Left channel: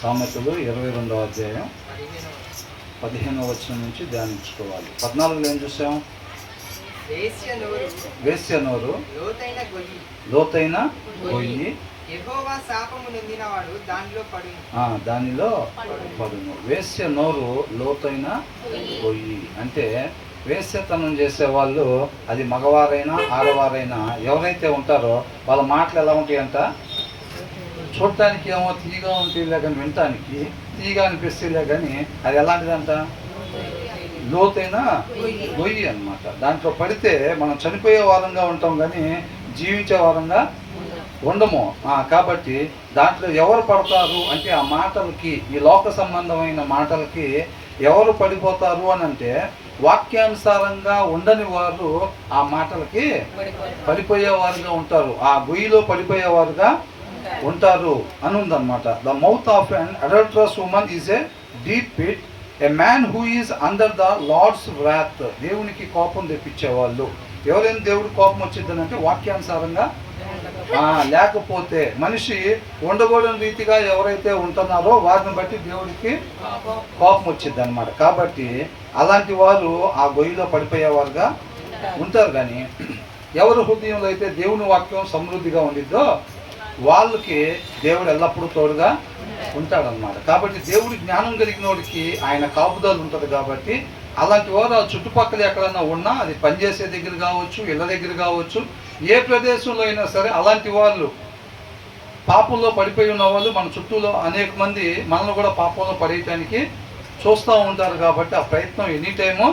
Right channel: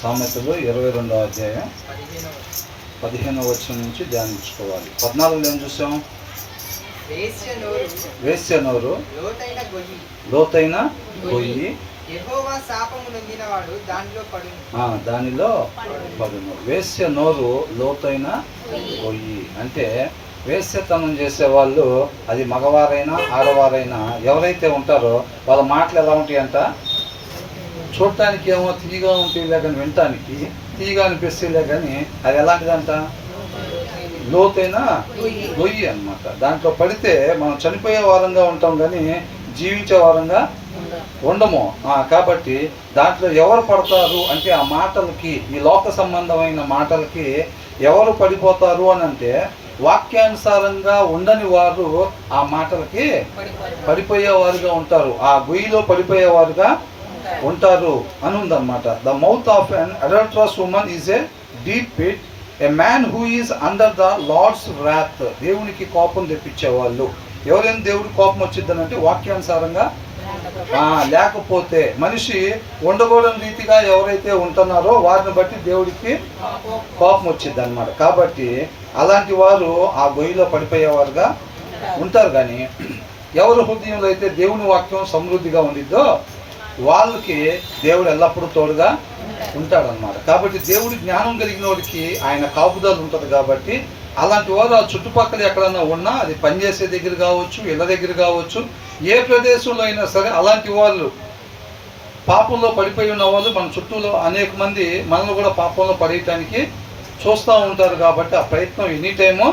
సామెతలు 22వ అధ్యాయం 15వ వచనం నుంచి ధ్యానించుకోవాలి. 14లో ఏం చూసాం? వేశ్య నోరు లోతైన గొయ్యి, యెహోవా శాపము నొందినవాడు దానిలో పడును. వేశ్య నోరు లోతైన గొయ్యి అంటే వేశ్యతనం చేసేవాళ్ళు, అది మగవారైనా ఆడవారైనా ఎవరైతే ఉంటారో వాళ్ళ మాటలు ఎలా ఉంటాయంట, చూడటానికి ఏమో తీయగా ఉంటుందిలే కానీ వినటానికి తీయగా అనిపిస్తుందిలే కానీ అది ఎలాంటిదంట, లోతైన గొయ్యి అన్నమాట. దాంట్లో పడితే మనం చనిపోయే వారంగా ఉంటాం కానీ జీవించే వారంగా ఉండము. కాబట్టి దాంట్లో ఎవరు పడతారు అంటే ఆ మాటలకి, ఈ లోక సంబంధమైన మాటలకి ఎవరు పడిపోతారు అని అంటే వాక్యానుసారంగా ఉండని వారు ఆ మాటలకి పడిపోయేవారుగా ఉంటారు, ఆ గొయ్యిలో పడిపోయేవారుగా ఉంటారు అని ఉందన్నమాట. The mouth of an adulterous woman is a deep pit, a man who is under the Lord's wrath. దేవునికి కోపం తెప్పించేవాళ్ళు. ఎవరైనా దేవుడికి కోపం వచ్చిందనంటే వాక్యానుసారంగా లేకపోతే మనిషి ఉండకూడని రీతిగా ఎవరైతే ఉంటున్నారో వారిని బట్టి దేవుడికి కోపం వచ్చింది అనమాట. కాబట్టి అలాంటి వారు ఆ గొయ్యిలో పడిపోయేవారుగా ఉంటారు. కానీ ఎవరి హృదయంలో అయితే దేవుని వాక్యం సమృద్ధిగా ఉండిద్దో వాళ్ళకి దేవుడు ఎల్లప్పుడూ తోడుగా ఉంటాడనమాట. కాబట్టి దేవుడి జ్ఞానం కలిగిన వాడికి ఆయన కాపుదల ఉంటుంది. కాబట్టి అలాంటి వారు ఆ చుట్టుపక్కల ఎక్కడన్నా ఉన్నా, అది పనిచేసే దగ్గర కావచ్చు, ఇళ్ళ దగ్గర కావచ్చు, ఏ ప్రదేశంలో అయినా సరే అలాంటి వాళ్ళు, పాపంలో పడిపోయి ఉన్న వాళ్ళు మన చుట్టూలో అనేక మంది మనల్ని కూడా పాపంలో పడేయటానికి చూస్తూ ఉంటారు. కాబట్టి ఆ ప్రయత్నం ఎనీ టైము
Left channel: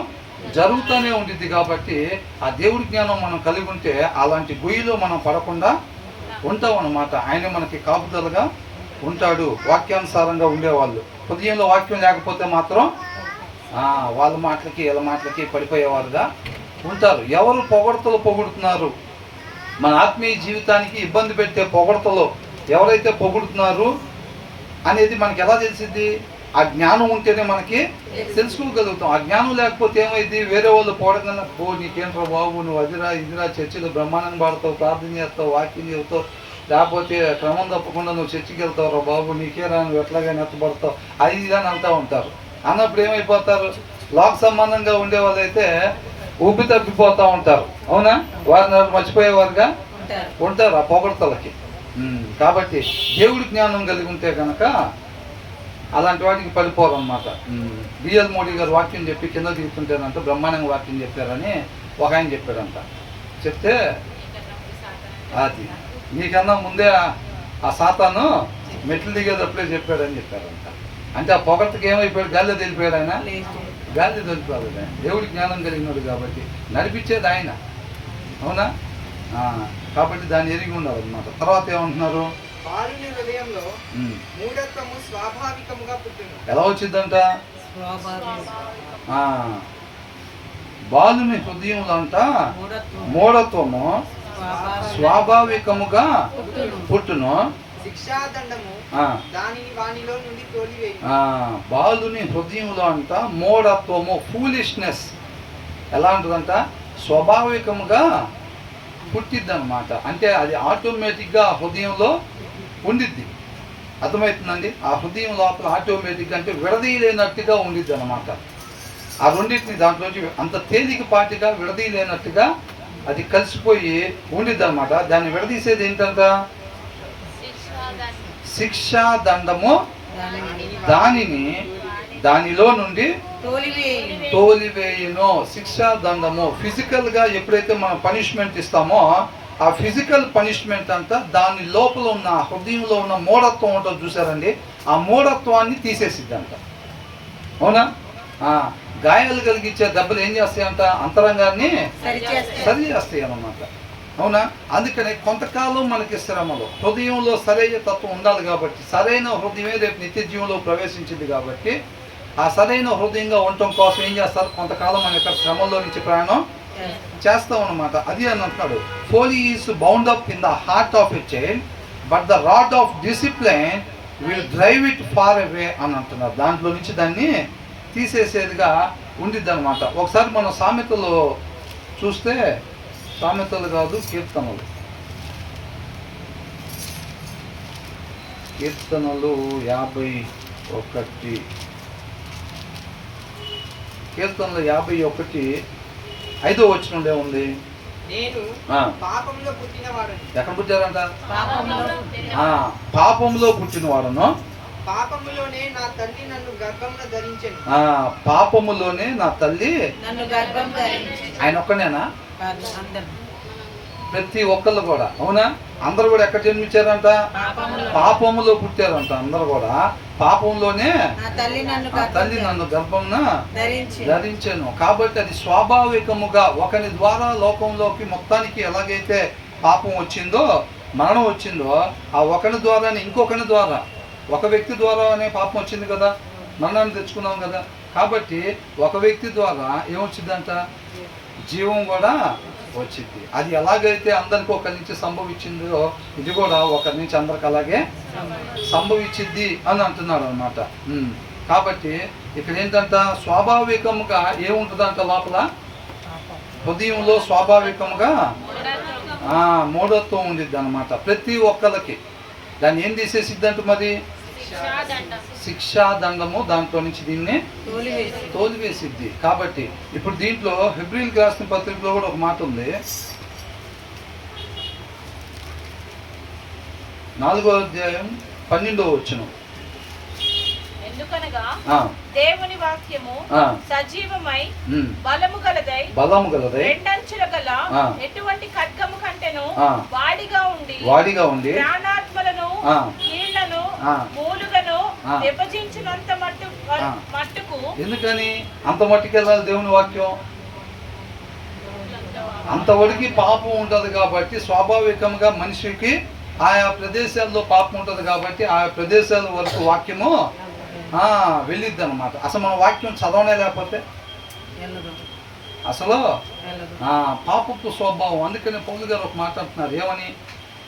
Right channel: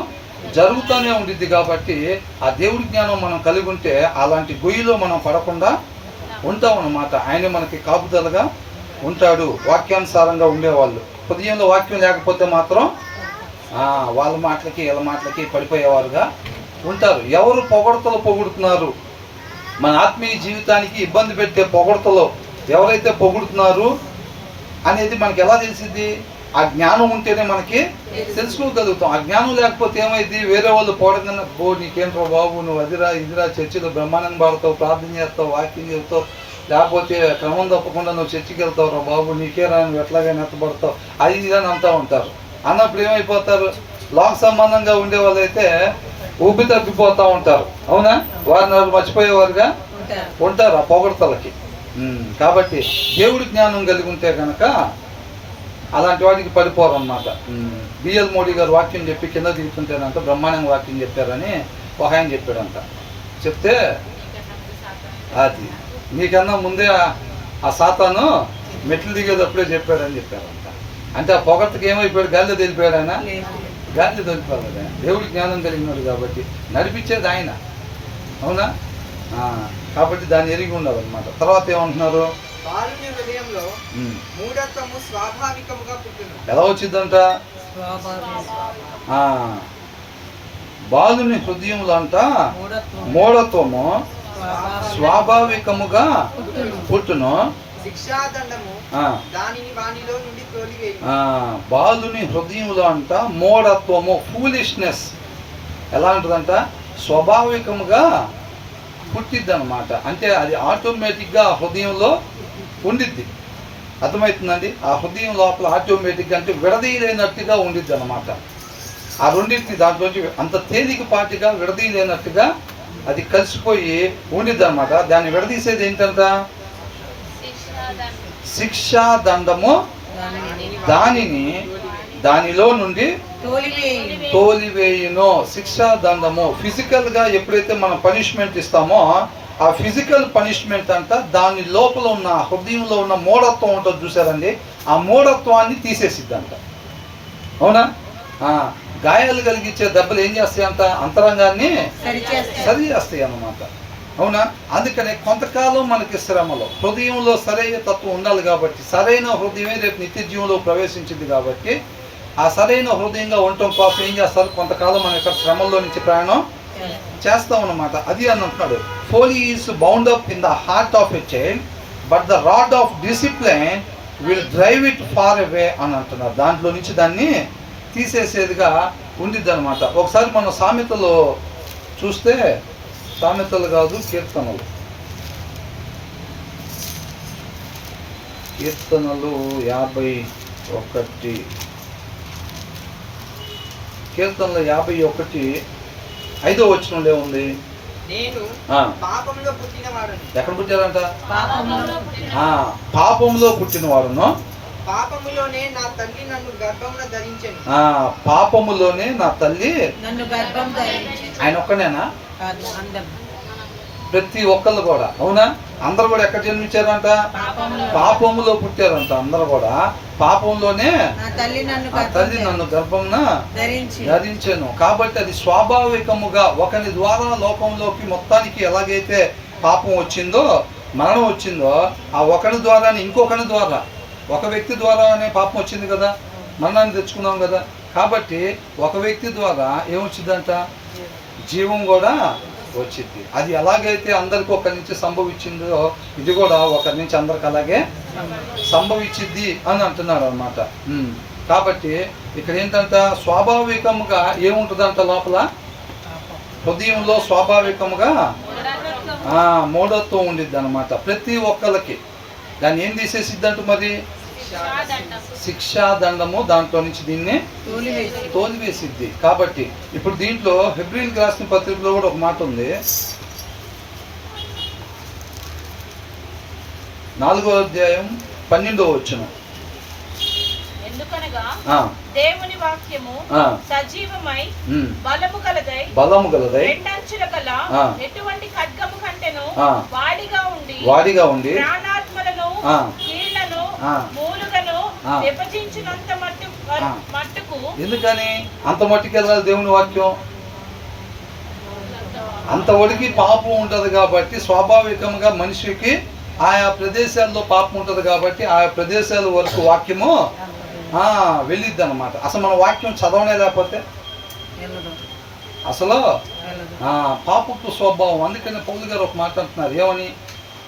జరుగుతూనే ఉండిద్ది. కాబట్టి ఆ దేవుడి జ్ఞానం మనం కలిగి ఉంటే అలాంటి గొయ్యిలో మనం పడకుండా ఉంటాం అన్నమాట. ఆయన మనకి కాపుదలగా ఉంటాడు. వాక్యానుసారంగా ఉండేవాళ్ళు, హృదయంలో వాక్యం లేకపోతే మాత్రం వాళ్ళ మాటలకి వీళ్ళ మాటలకి పడిపోయేవారుగా ఉంటారు. ఎవరు పొగుడుతున్నారు, మన ఆత్మీయ జీవితానికి ఇబ్బంది పెట్టే పొగడతలు ఎవరైతే పొగుడుతున్నారు అనేది మనకి ఎలా తెలిసింది? ఆ జ్ఞానం ఉంటేనే మనకి తెలుసుకోగలుగుతాం. ఆ జ్ఞానం లేకపోతే ఏమైంది? వేరే వాళ్ళు పొగడకన్నా, నీకేంట్రా బాబు, నువ్వు అదిరా ఇదిరా, చర్చిలో బ్రహ్మాండంగా పాడతావు, ప్రార్థన చేస్తావు, వాక్యం చెబుతావు, లేకపోతే క్రమం తప్పకుండా నువ్వు చర్చికి వెళ్తావు రా బాబు, నీకేరా, నువ్వు ఎట్లాగైనా ఎత్తపడతావు, అది ఇదని అంటూ ఉంటారు. అన్నప్పుడు ఏమైపోతారు? లోక సంబంధంగా ఉండే వాళ్ళైతే ఊపి తప్పిపోతూ ఉంటారు. అవునా? వారిని వారు మర్చిపోయేవారుగా ఉంటారు ఆ పొగడతలకి. కాబట్టి దేవుడి జ్ఞానం కలిగి ఉంటే కనుక అలాంటి వాటికి పడిపోరు అనమాట. బిఎల్ మోడీ గారు వాక్యం చెప్పి కింద దిగుతుంటేనంట బ్రహ్మాండంగా వాక్యం చెప్పారని ఒక ఆయన చెప్పాడంట. చెప్తే అది నీకన్నా ముందే ఆ సాతాను మెట్లు దిగేటప్పుడే చెప్పాడని చెప్పారంట. అంటే ఆ పొగట్టుకి ఏమైపోయాడు? గాలిలో తెలిపాడు ఆయన, గాలిలో తెలిపాడు ఆయన. దేవుడి జ్ఞానం కలిగినాడు కాబట్టి నడిపించేది ఆయన. అవునా? కాబట్టి దాన్ని ఎరిగి ఉండాలి అనమాట. తర్వాత ఏమంటున్నారు? ఎలా వచ్చిందంట? బాలుని హృదయంలో అంట మూఢత్వము స్వాభావికముగా పుట్టును, బాలుని హృదయంలో అంట మూఢత్వము, ఫూలిష్నెస్ ఎలా ఉంటుందంట? స్వాభావికముగా పుట్టిద్ది అనమాట. అంటే అది ఆటోమేటిక్గా హృదయంలో ఉండిద్ది. అర్థమవుతుందండి? ఆ హృదయం లోపల ఆటోమేటిక్గా అంటే విడదీయలేనట్టుగా ఉండిద్ది అనమాట. ఆ రెండింటిని దాంట్లోంచి అంత తేలికపాటిగా విడదీయలేనట్టుగా అది కలిసిపోయి ఉండిద్ది అనమాట. దాన్ని విడదీసేది ఏంటంట? శిక్షాదండము దానిలో నుండి తోలివేయును. శిక్షాదండము ఫిజికల్గా ఎప్పుడైతే మనం పనిష్మెంట్ ఇస్తామో ఆ ఫిజికల్ పనిష్మెంట్ అంట దాని లోపల ఉన్న హృదయంలో ఉన్న మూఢత్వం ఉంటుంది చూసారండి, ఆ మూఢత్వాన్ని తీసేసిద్దంట. అవునా? గాయాలు కలిగించే దెబ్బలు ఏం చేస్తాయంట? అంతరంగాన్ని సరి చేస్తాయి అన్నమాట. అవునా? అందుకనే కొంతకాలం మనకి శ్రమలో హృదయంలో సరైన తత్వం ఉండాలి. కాబట్టి సరైన హృదయమే రేపు నిత్య జీవంలో ప్రవేశించింది. కాబట్టి ఆ సరైన హృదయంగా ఉండటం కోసం ఏం చేస్తారు? కొంతకాలం మన యొక్క శ్రమల్లో నుంచి ప్రయాణం చేస్తాం అన్నమాట. అది అని అంటున్నాడు, folly is bound up in the heart of a child but the rod of discipline will drive it far away అని అంటున్నారు. దాంట్లో నుంచి దాన్ని తీసేసేదిగా ఉండిద్ది అనమాట. ఒకసారి మన సామెతలో చూస్తే, సామెతలు కాదు కీర్తనలు, కీర్తనలు 51. కీర్తనలు 51 5వ వచనంలో ఉంది. నేను ఆ, పాపంలో పుట్టినవాడని, ఎక్కడ పుట్టారంట? పాపములో పాపంలో పుట్టిన వారును, పాపములోనే నా తల్లి నన్ను గర్భమున ధరించెను. పాపములోనే నా తల్లి. నన్ను గర్భం ధరించి. ఆయన ఒక్కనేనా? కాదు, అందరూ ప్రతి ఒక్కళ్ళు కూడా, అవునా? అందరు కూడా ఎక్కడ జన్మించారంట? పాపములో. పాపములో పుట్టారంట. అందరు కూడా పాపంలోనే నా తల్లి నన్ను ఆ తల్లి నన్ను గర్భంన ధరించి. ధరించాను. కాబట్టి అది స్వాభావికముగా ఒకరి ద్వారా లోకంలోకి మొత్తానికి ఎలాగైతే పాపం వచ్చిందో, మరణం వచ్చిందో, ఆ ఒకరి ద్వారానే ఇంకొకరి ద్వారా, ఒక వ్యక్తి ద్వారానే పాపం వచ్చింది కదా, మరణాన్ని తెచ్చుకున్నాం కదా. కాబట్టి ఒక వ్యక్తి ద్వారా ఏమొచ్చిందంట? జీవం కూడా వచ్చింది. అది ఎలాగైతే అందరికి ఒకరి నుంచి సంభవించిందో, ఇది కూడా ఒకరి నుంచి అందరికి అలాగే సంభవించింది అని అంటున్నాడు అనమాట. కాబట్టి ఇక్కడ ఏంటంట? స్వాభావికంగా ఏముంటుందంట లోపల? హృదయంలో స్వాభావికంగా మూఢత్వం ఉండిద్ది అనమాట ప్రతి ఒక్కరికి. దాన్ని ఏం తీసేసిద్దంట? మరి శిక్షాదండము దాంట్లో నుంచి దీన్ని తోలివేసిద్ది. కాబట్టి ఇప్పుడు దీంట్లో హెబ్రీయులకు రాసిన పత్రికలో కూడా ఒక మాట ఉంది. 4వ అధ్యాయం 12వ వచనం. ఎందుకనగా ఆ, దేవుని వాక్యము ఆ, సజీవమై ఉమ్, బలము గలదై బలము గలదై రెండంచుల గల ఆ. ఎటువంటి ఖడ్గము కంటెను ఆ. వాడిగా ఉండి ఉండి ప్రాణాత్మలను ఆ. కీళ్లను ఆ. మూలుగను ఆ. విభజించినంత ఆ. మట్టుకు ఎందుకని అంత మట్టుకెళ్ళాలి దేవుని వాక్యం? అంతవరకు పాపం ఉంటుంది కాబట్టి, స్వాభావికంగా మనిషికి ఆయా ప్రదేశాల్లో పాపం ఉంటుంది కాబట్టి ఆయా ప్రదేశాల వరకు వాక్యము వెళ్ళిద్ది అనమాట. అసలు మన వాక్యం చదవనే లేకపోతే అసలు పాపపు స్వభావం. అందుకని పౌలు గారు ఒక మాట అంటున్నారు. ఏమని?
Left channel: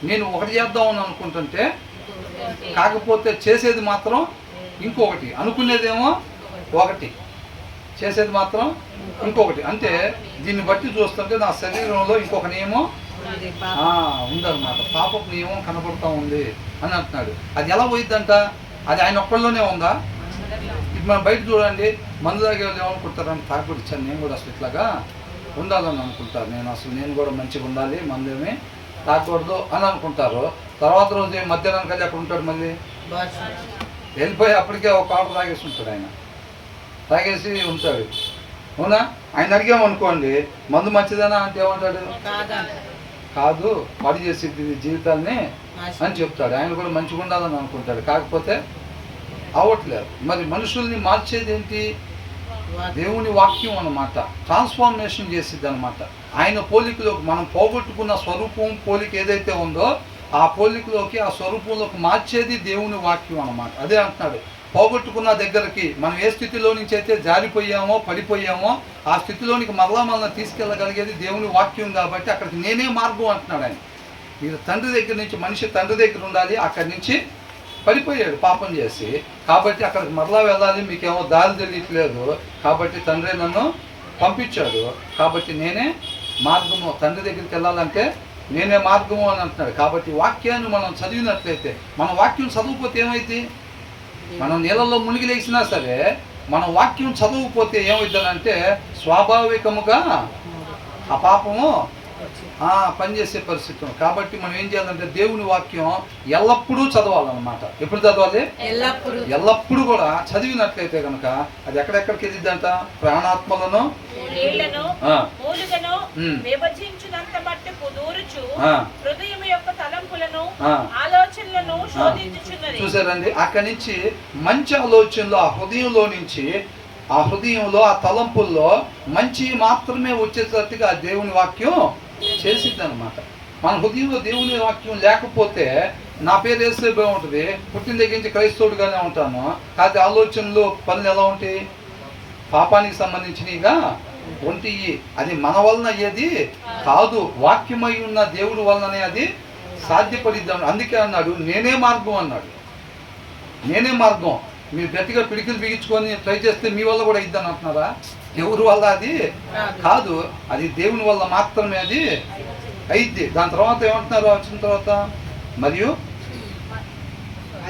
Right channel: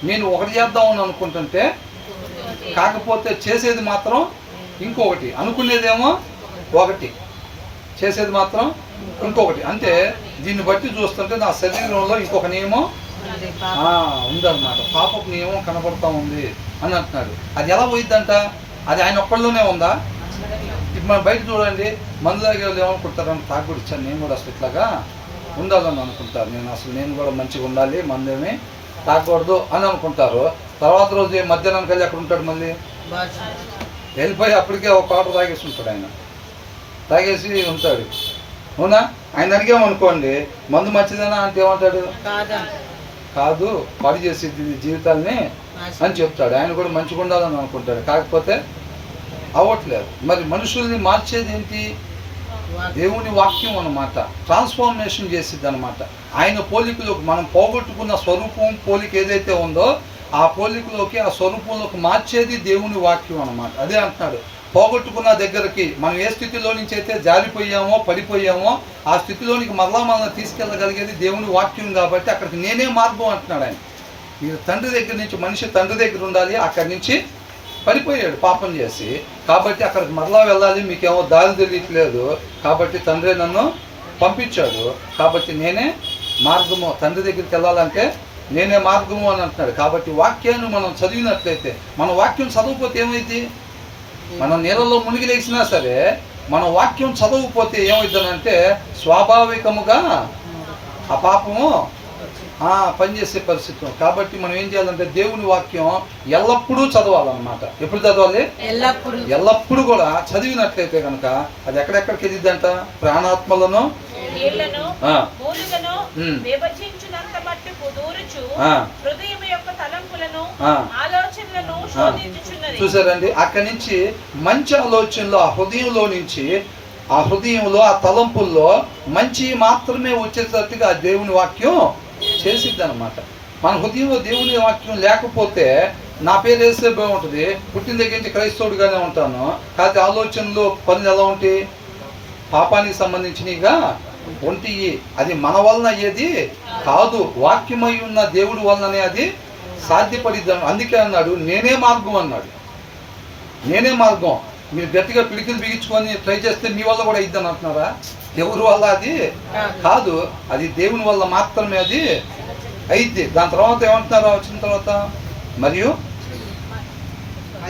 నేను ఒకటి చేద్దామని అనుకుంటుంటే కాకపోతే చేసేది మాత్రం ఇంకొకటి, అనుకునేదేమో ఒకటి, చేసేది మాత్రం ఇంకొకటి. అంటే దీన్ని బట్టి చూస్తుంటే నా శరీరంలో ఇంకొక నియమం ఉందన్నమాట. పాపపు నియమం కనపడతా ఉంది అని అంటున్నాడు. అది ఎలా పోయిద్దంట? అది ఆయన ఒక్కళ్ళలోనే ఉందా? ఇప్పుడు మనం బయట చూడండి, మందు తాగే వాళ్ళు ఏమనుకుంటారని, తాగుడు ఇచ్చాను నేను కూడా అసలు ఇట్లాగా ఉండాలని అనుకుంటారు. నేను కూడా మంచిగా ఉండాలి, మందేమి తాగకూడదు అని అనుకుంటారు. తర్వాత రోజు మధ్యాహ్నం కలిసి అక్కడ ఉంటాడు, మళ్ళీ వెళ్ళిపోయి అప్పటికే ఒక ఆట తాగేసి ఉంటాడు. ఆయన తాగేసి ఉంటాడు, అవునా? ఆయన అడిగామనుకోండి మందు మంచిదనా అంటే ఏమంటాడు? కాదు, పాడు చేసేది జీవితాన్ని అని చెప్తాడు. ఆయన కూడా మంచిగా ఉండాలని అనుకుంటాడు, కాకపోతే అవ్వట్లేదు. మరి మనుషుల్ని మార్చేది ఏంటి? దేవుని వాక్యం అన్నమాట. ట్రాన్స్ఫార్మేషన్ చేసిద్ది అనమాట. ఆయన పోలికలోకి మనం పోగొట్టుకున్న స్వరూపం, పోలిక ఏదైతే ఉందో ఆ పోలికలోకి, ఆ స్వరూపంలోకి మార్చేది దేవుని వాక్యం అన్నమాట. అదే అంటున్నాడు, పోగొట్టుకున్న దగ్గరికి మనం ఏ స్థితిలో నుంచి అయితే జారిపోయామో, పడిపోయామో, ఆ స్థితిలోనికి మరలా తీసుకెళ్ళగలిగేది దేవుని వాక్యం కాబట్టి అక్కడికి నేనే మార్గం అంటున్నాడు ఆయన. మీరు తండ్రి దగ్గర నుంచి, మనిషి తండ్రి దగ్గర ఉండాలి, అక్కడి నుంచి పడిపోయాడు పాపం చేసి, కాబట్టి అక్కడికి మరలా వెళ్ళాలి, మీకేమో దారి తెలియట్లేదు, కాబట్టి తండ్రి నన్ను పంపించాడు, కాబట్టి నేనే మార్గము, తండ్రి దగ్గరికి వెళ్ళాలంటే నేనే మార్గము అని అంటున్నాడు. కాబట్టి వాక్యాన్ని మనం చదివినట్లయితే, మన వాక్యం చదవకపోతే ఏమైంది? మనం నీళ్ళలో మునిగి లేచినా సరే మన వాక్యం చదవకపోతే ఏమవుతుందంటే స్వాభావికముగా ఆ పాపము పనిచేసే పరిస్థితి. కాబట్టి మనం ఏం చేయాలంటే దేవుని వాక్యం ఎల్లప్పుడూ చదవాలన్నమాట. ఎప్పుడు చదవాలి? ఎల్లప్పుడూ కూడా చదివినట్లయితే కనుక అది ఎక్కడెక్కడికి ఎదిద్దంట? ప్రాణాత్మలను చూసారండి. అక్కడి నుంచి మంచి ఆలోచనలు ఆ హృదయంలో నుంచి, ఆ హృదయంలో ఆ తలంపుల్లో మంచి మాత్రమే వచ్చేటట్టుగా ఆ దేవుని వాక్యం చేసిద్ది అనమాట. మన హృదయంలో దేవుని వాక్యం లేకపోతే నా పేరు వేస్తే బాగుంటుంది, పుట్టిన దగ్గర నుంచి క్రైస్తవుడిగానే ఉంటాను, కాకపోతే ఆలోచనలు పనులు ఎలా ఉంటాయి? పాపానికి సంబంధించినవిగా ఉంటాయి. అది మన వలన అయ్యేది కాదు, వాక్యమై ఉన్న దేవుడి వలననే అది సాధ్యపడిద్ది. అందుకే అన్నాడు నేనే మార్గం అన్నాడు. నేనే మార్గం. మీరు గట్టిగా పిడికిలు బిగించుకొని ట్రై చేస్తే మీ వల్ల కూడా అయిద్దని అంటున్నారా? ఎవరి వల్ల అది కాదు, అది దేవుని వల్ల మాత్రమే అది అయిద్ది. దాని తర్వాత ఏమంటున్నారో వచ్చిన తర్వాత, మరియు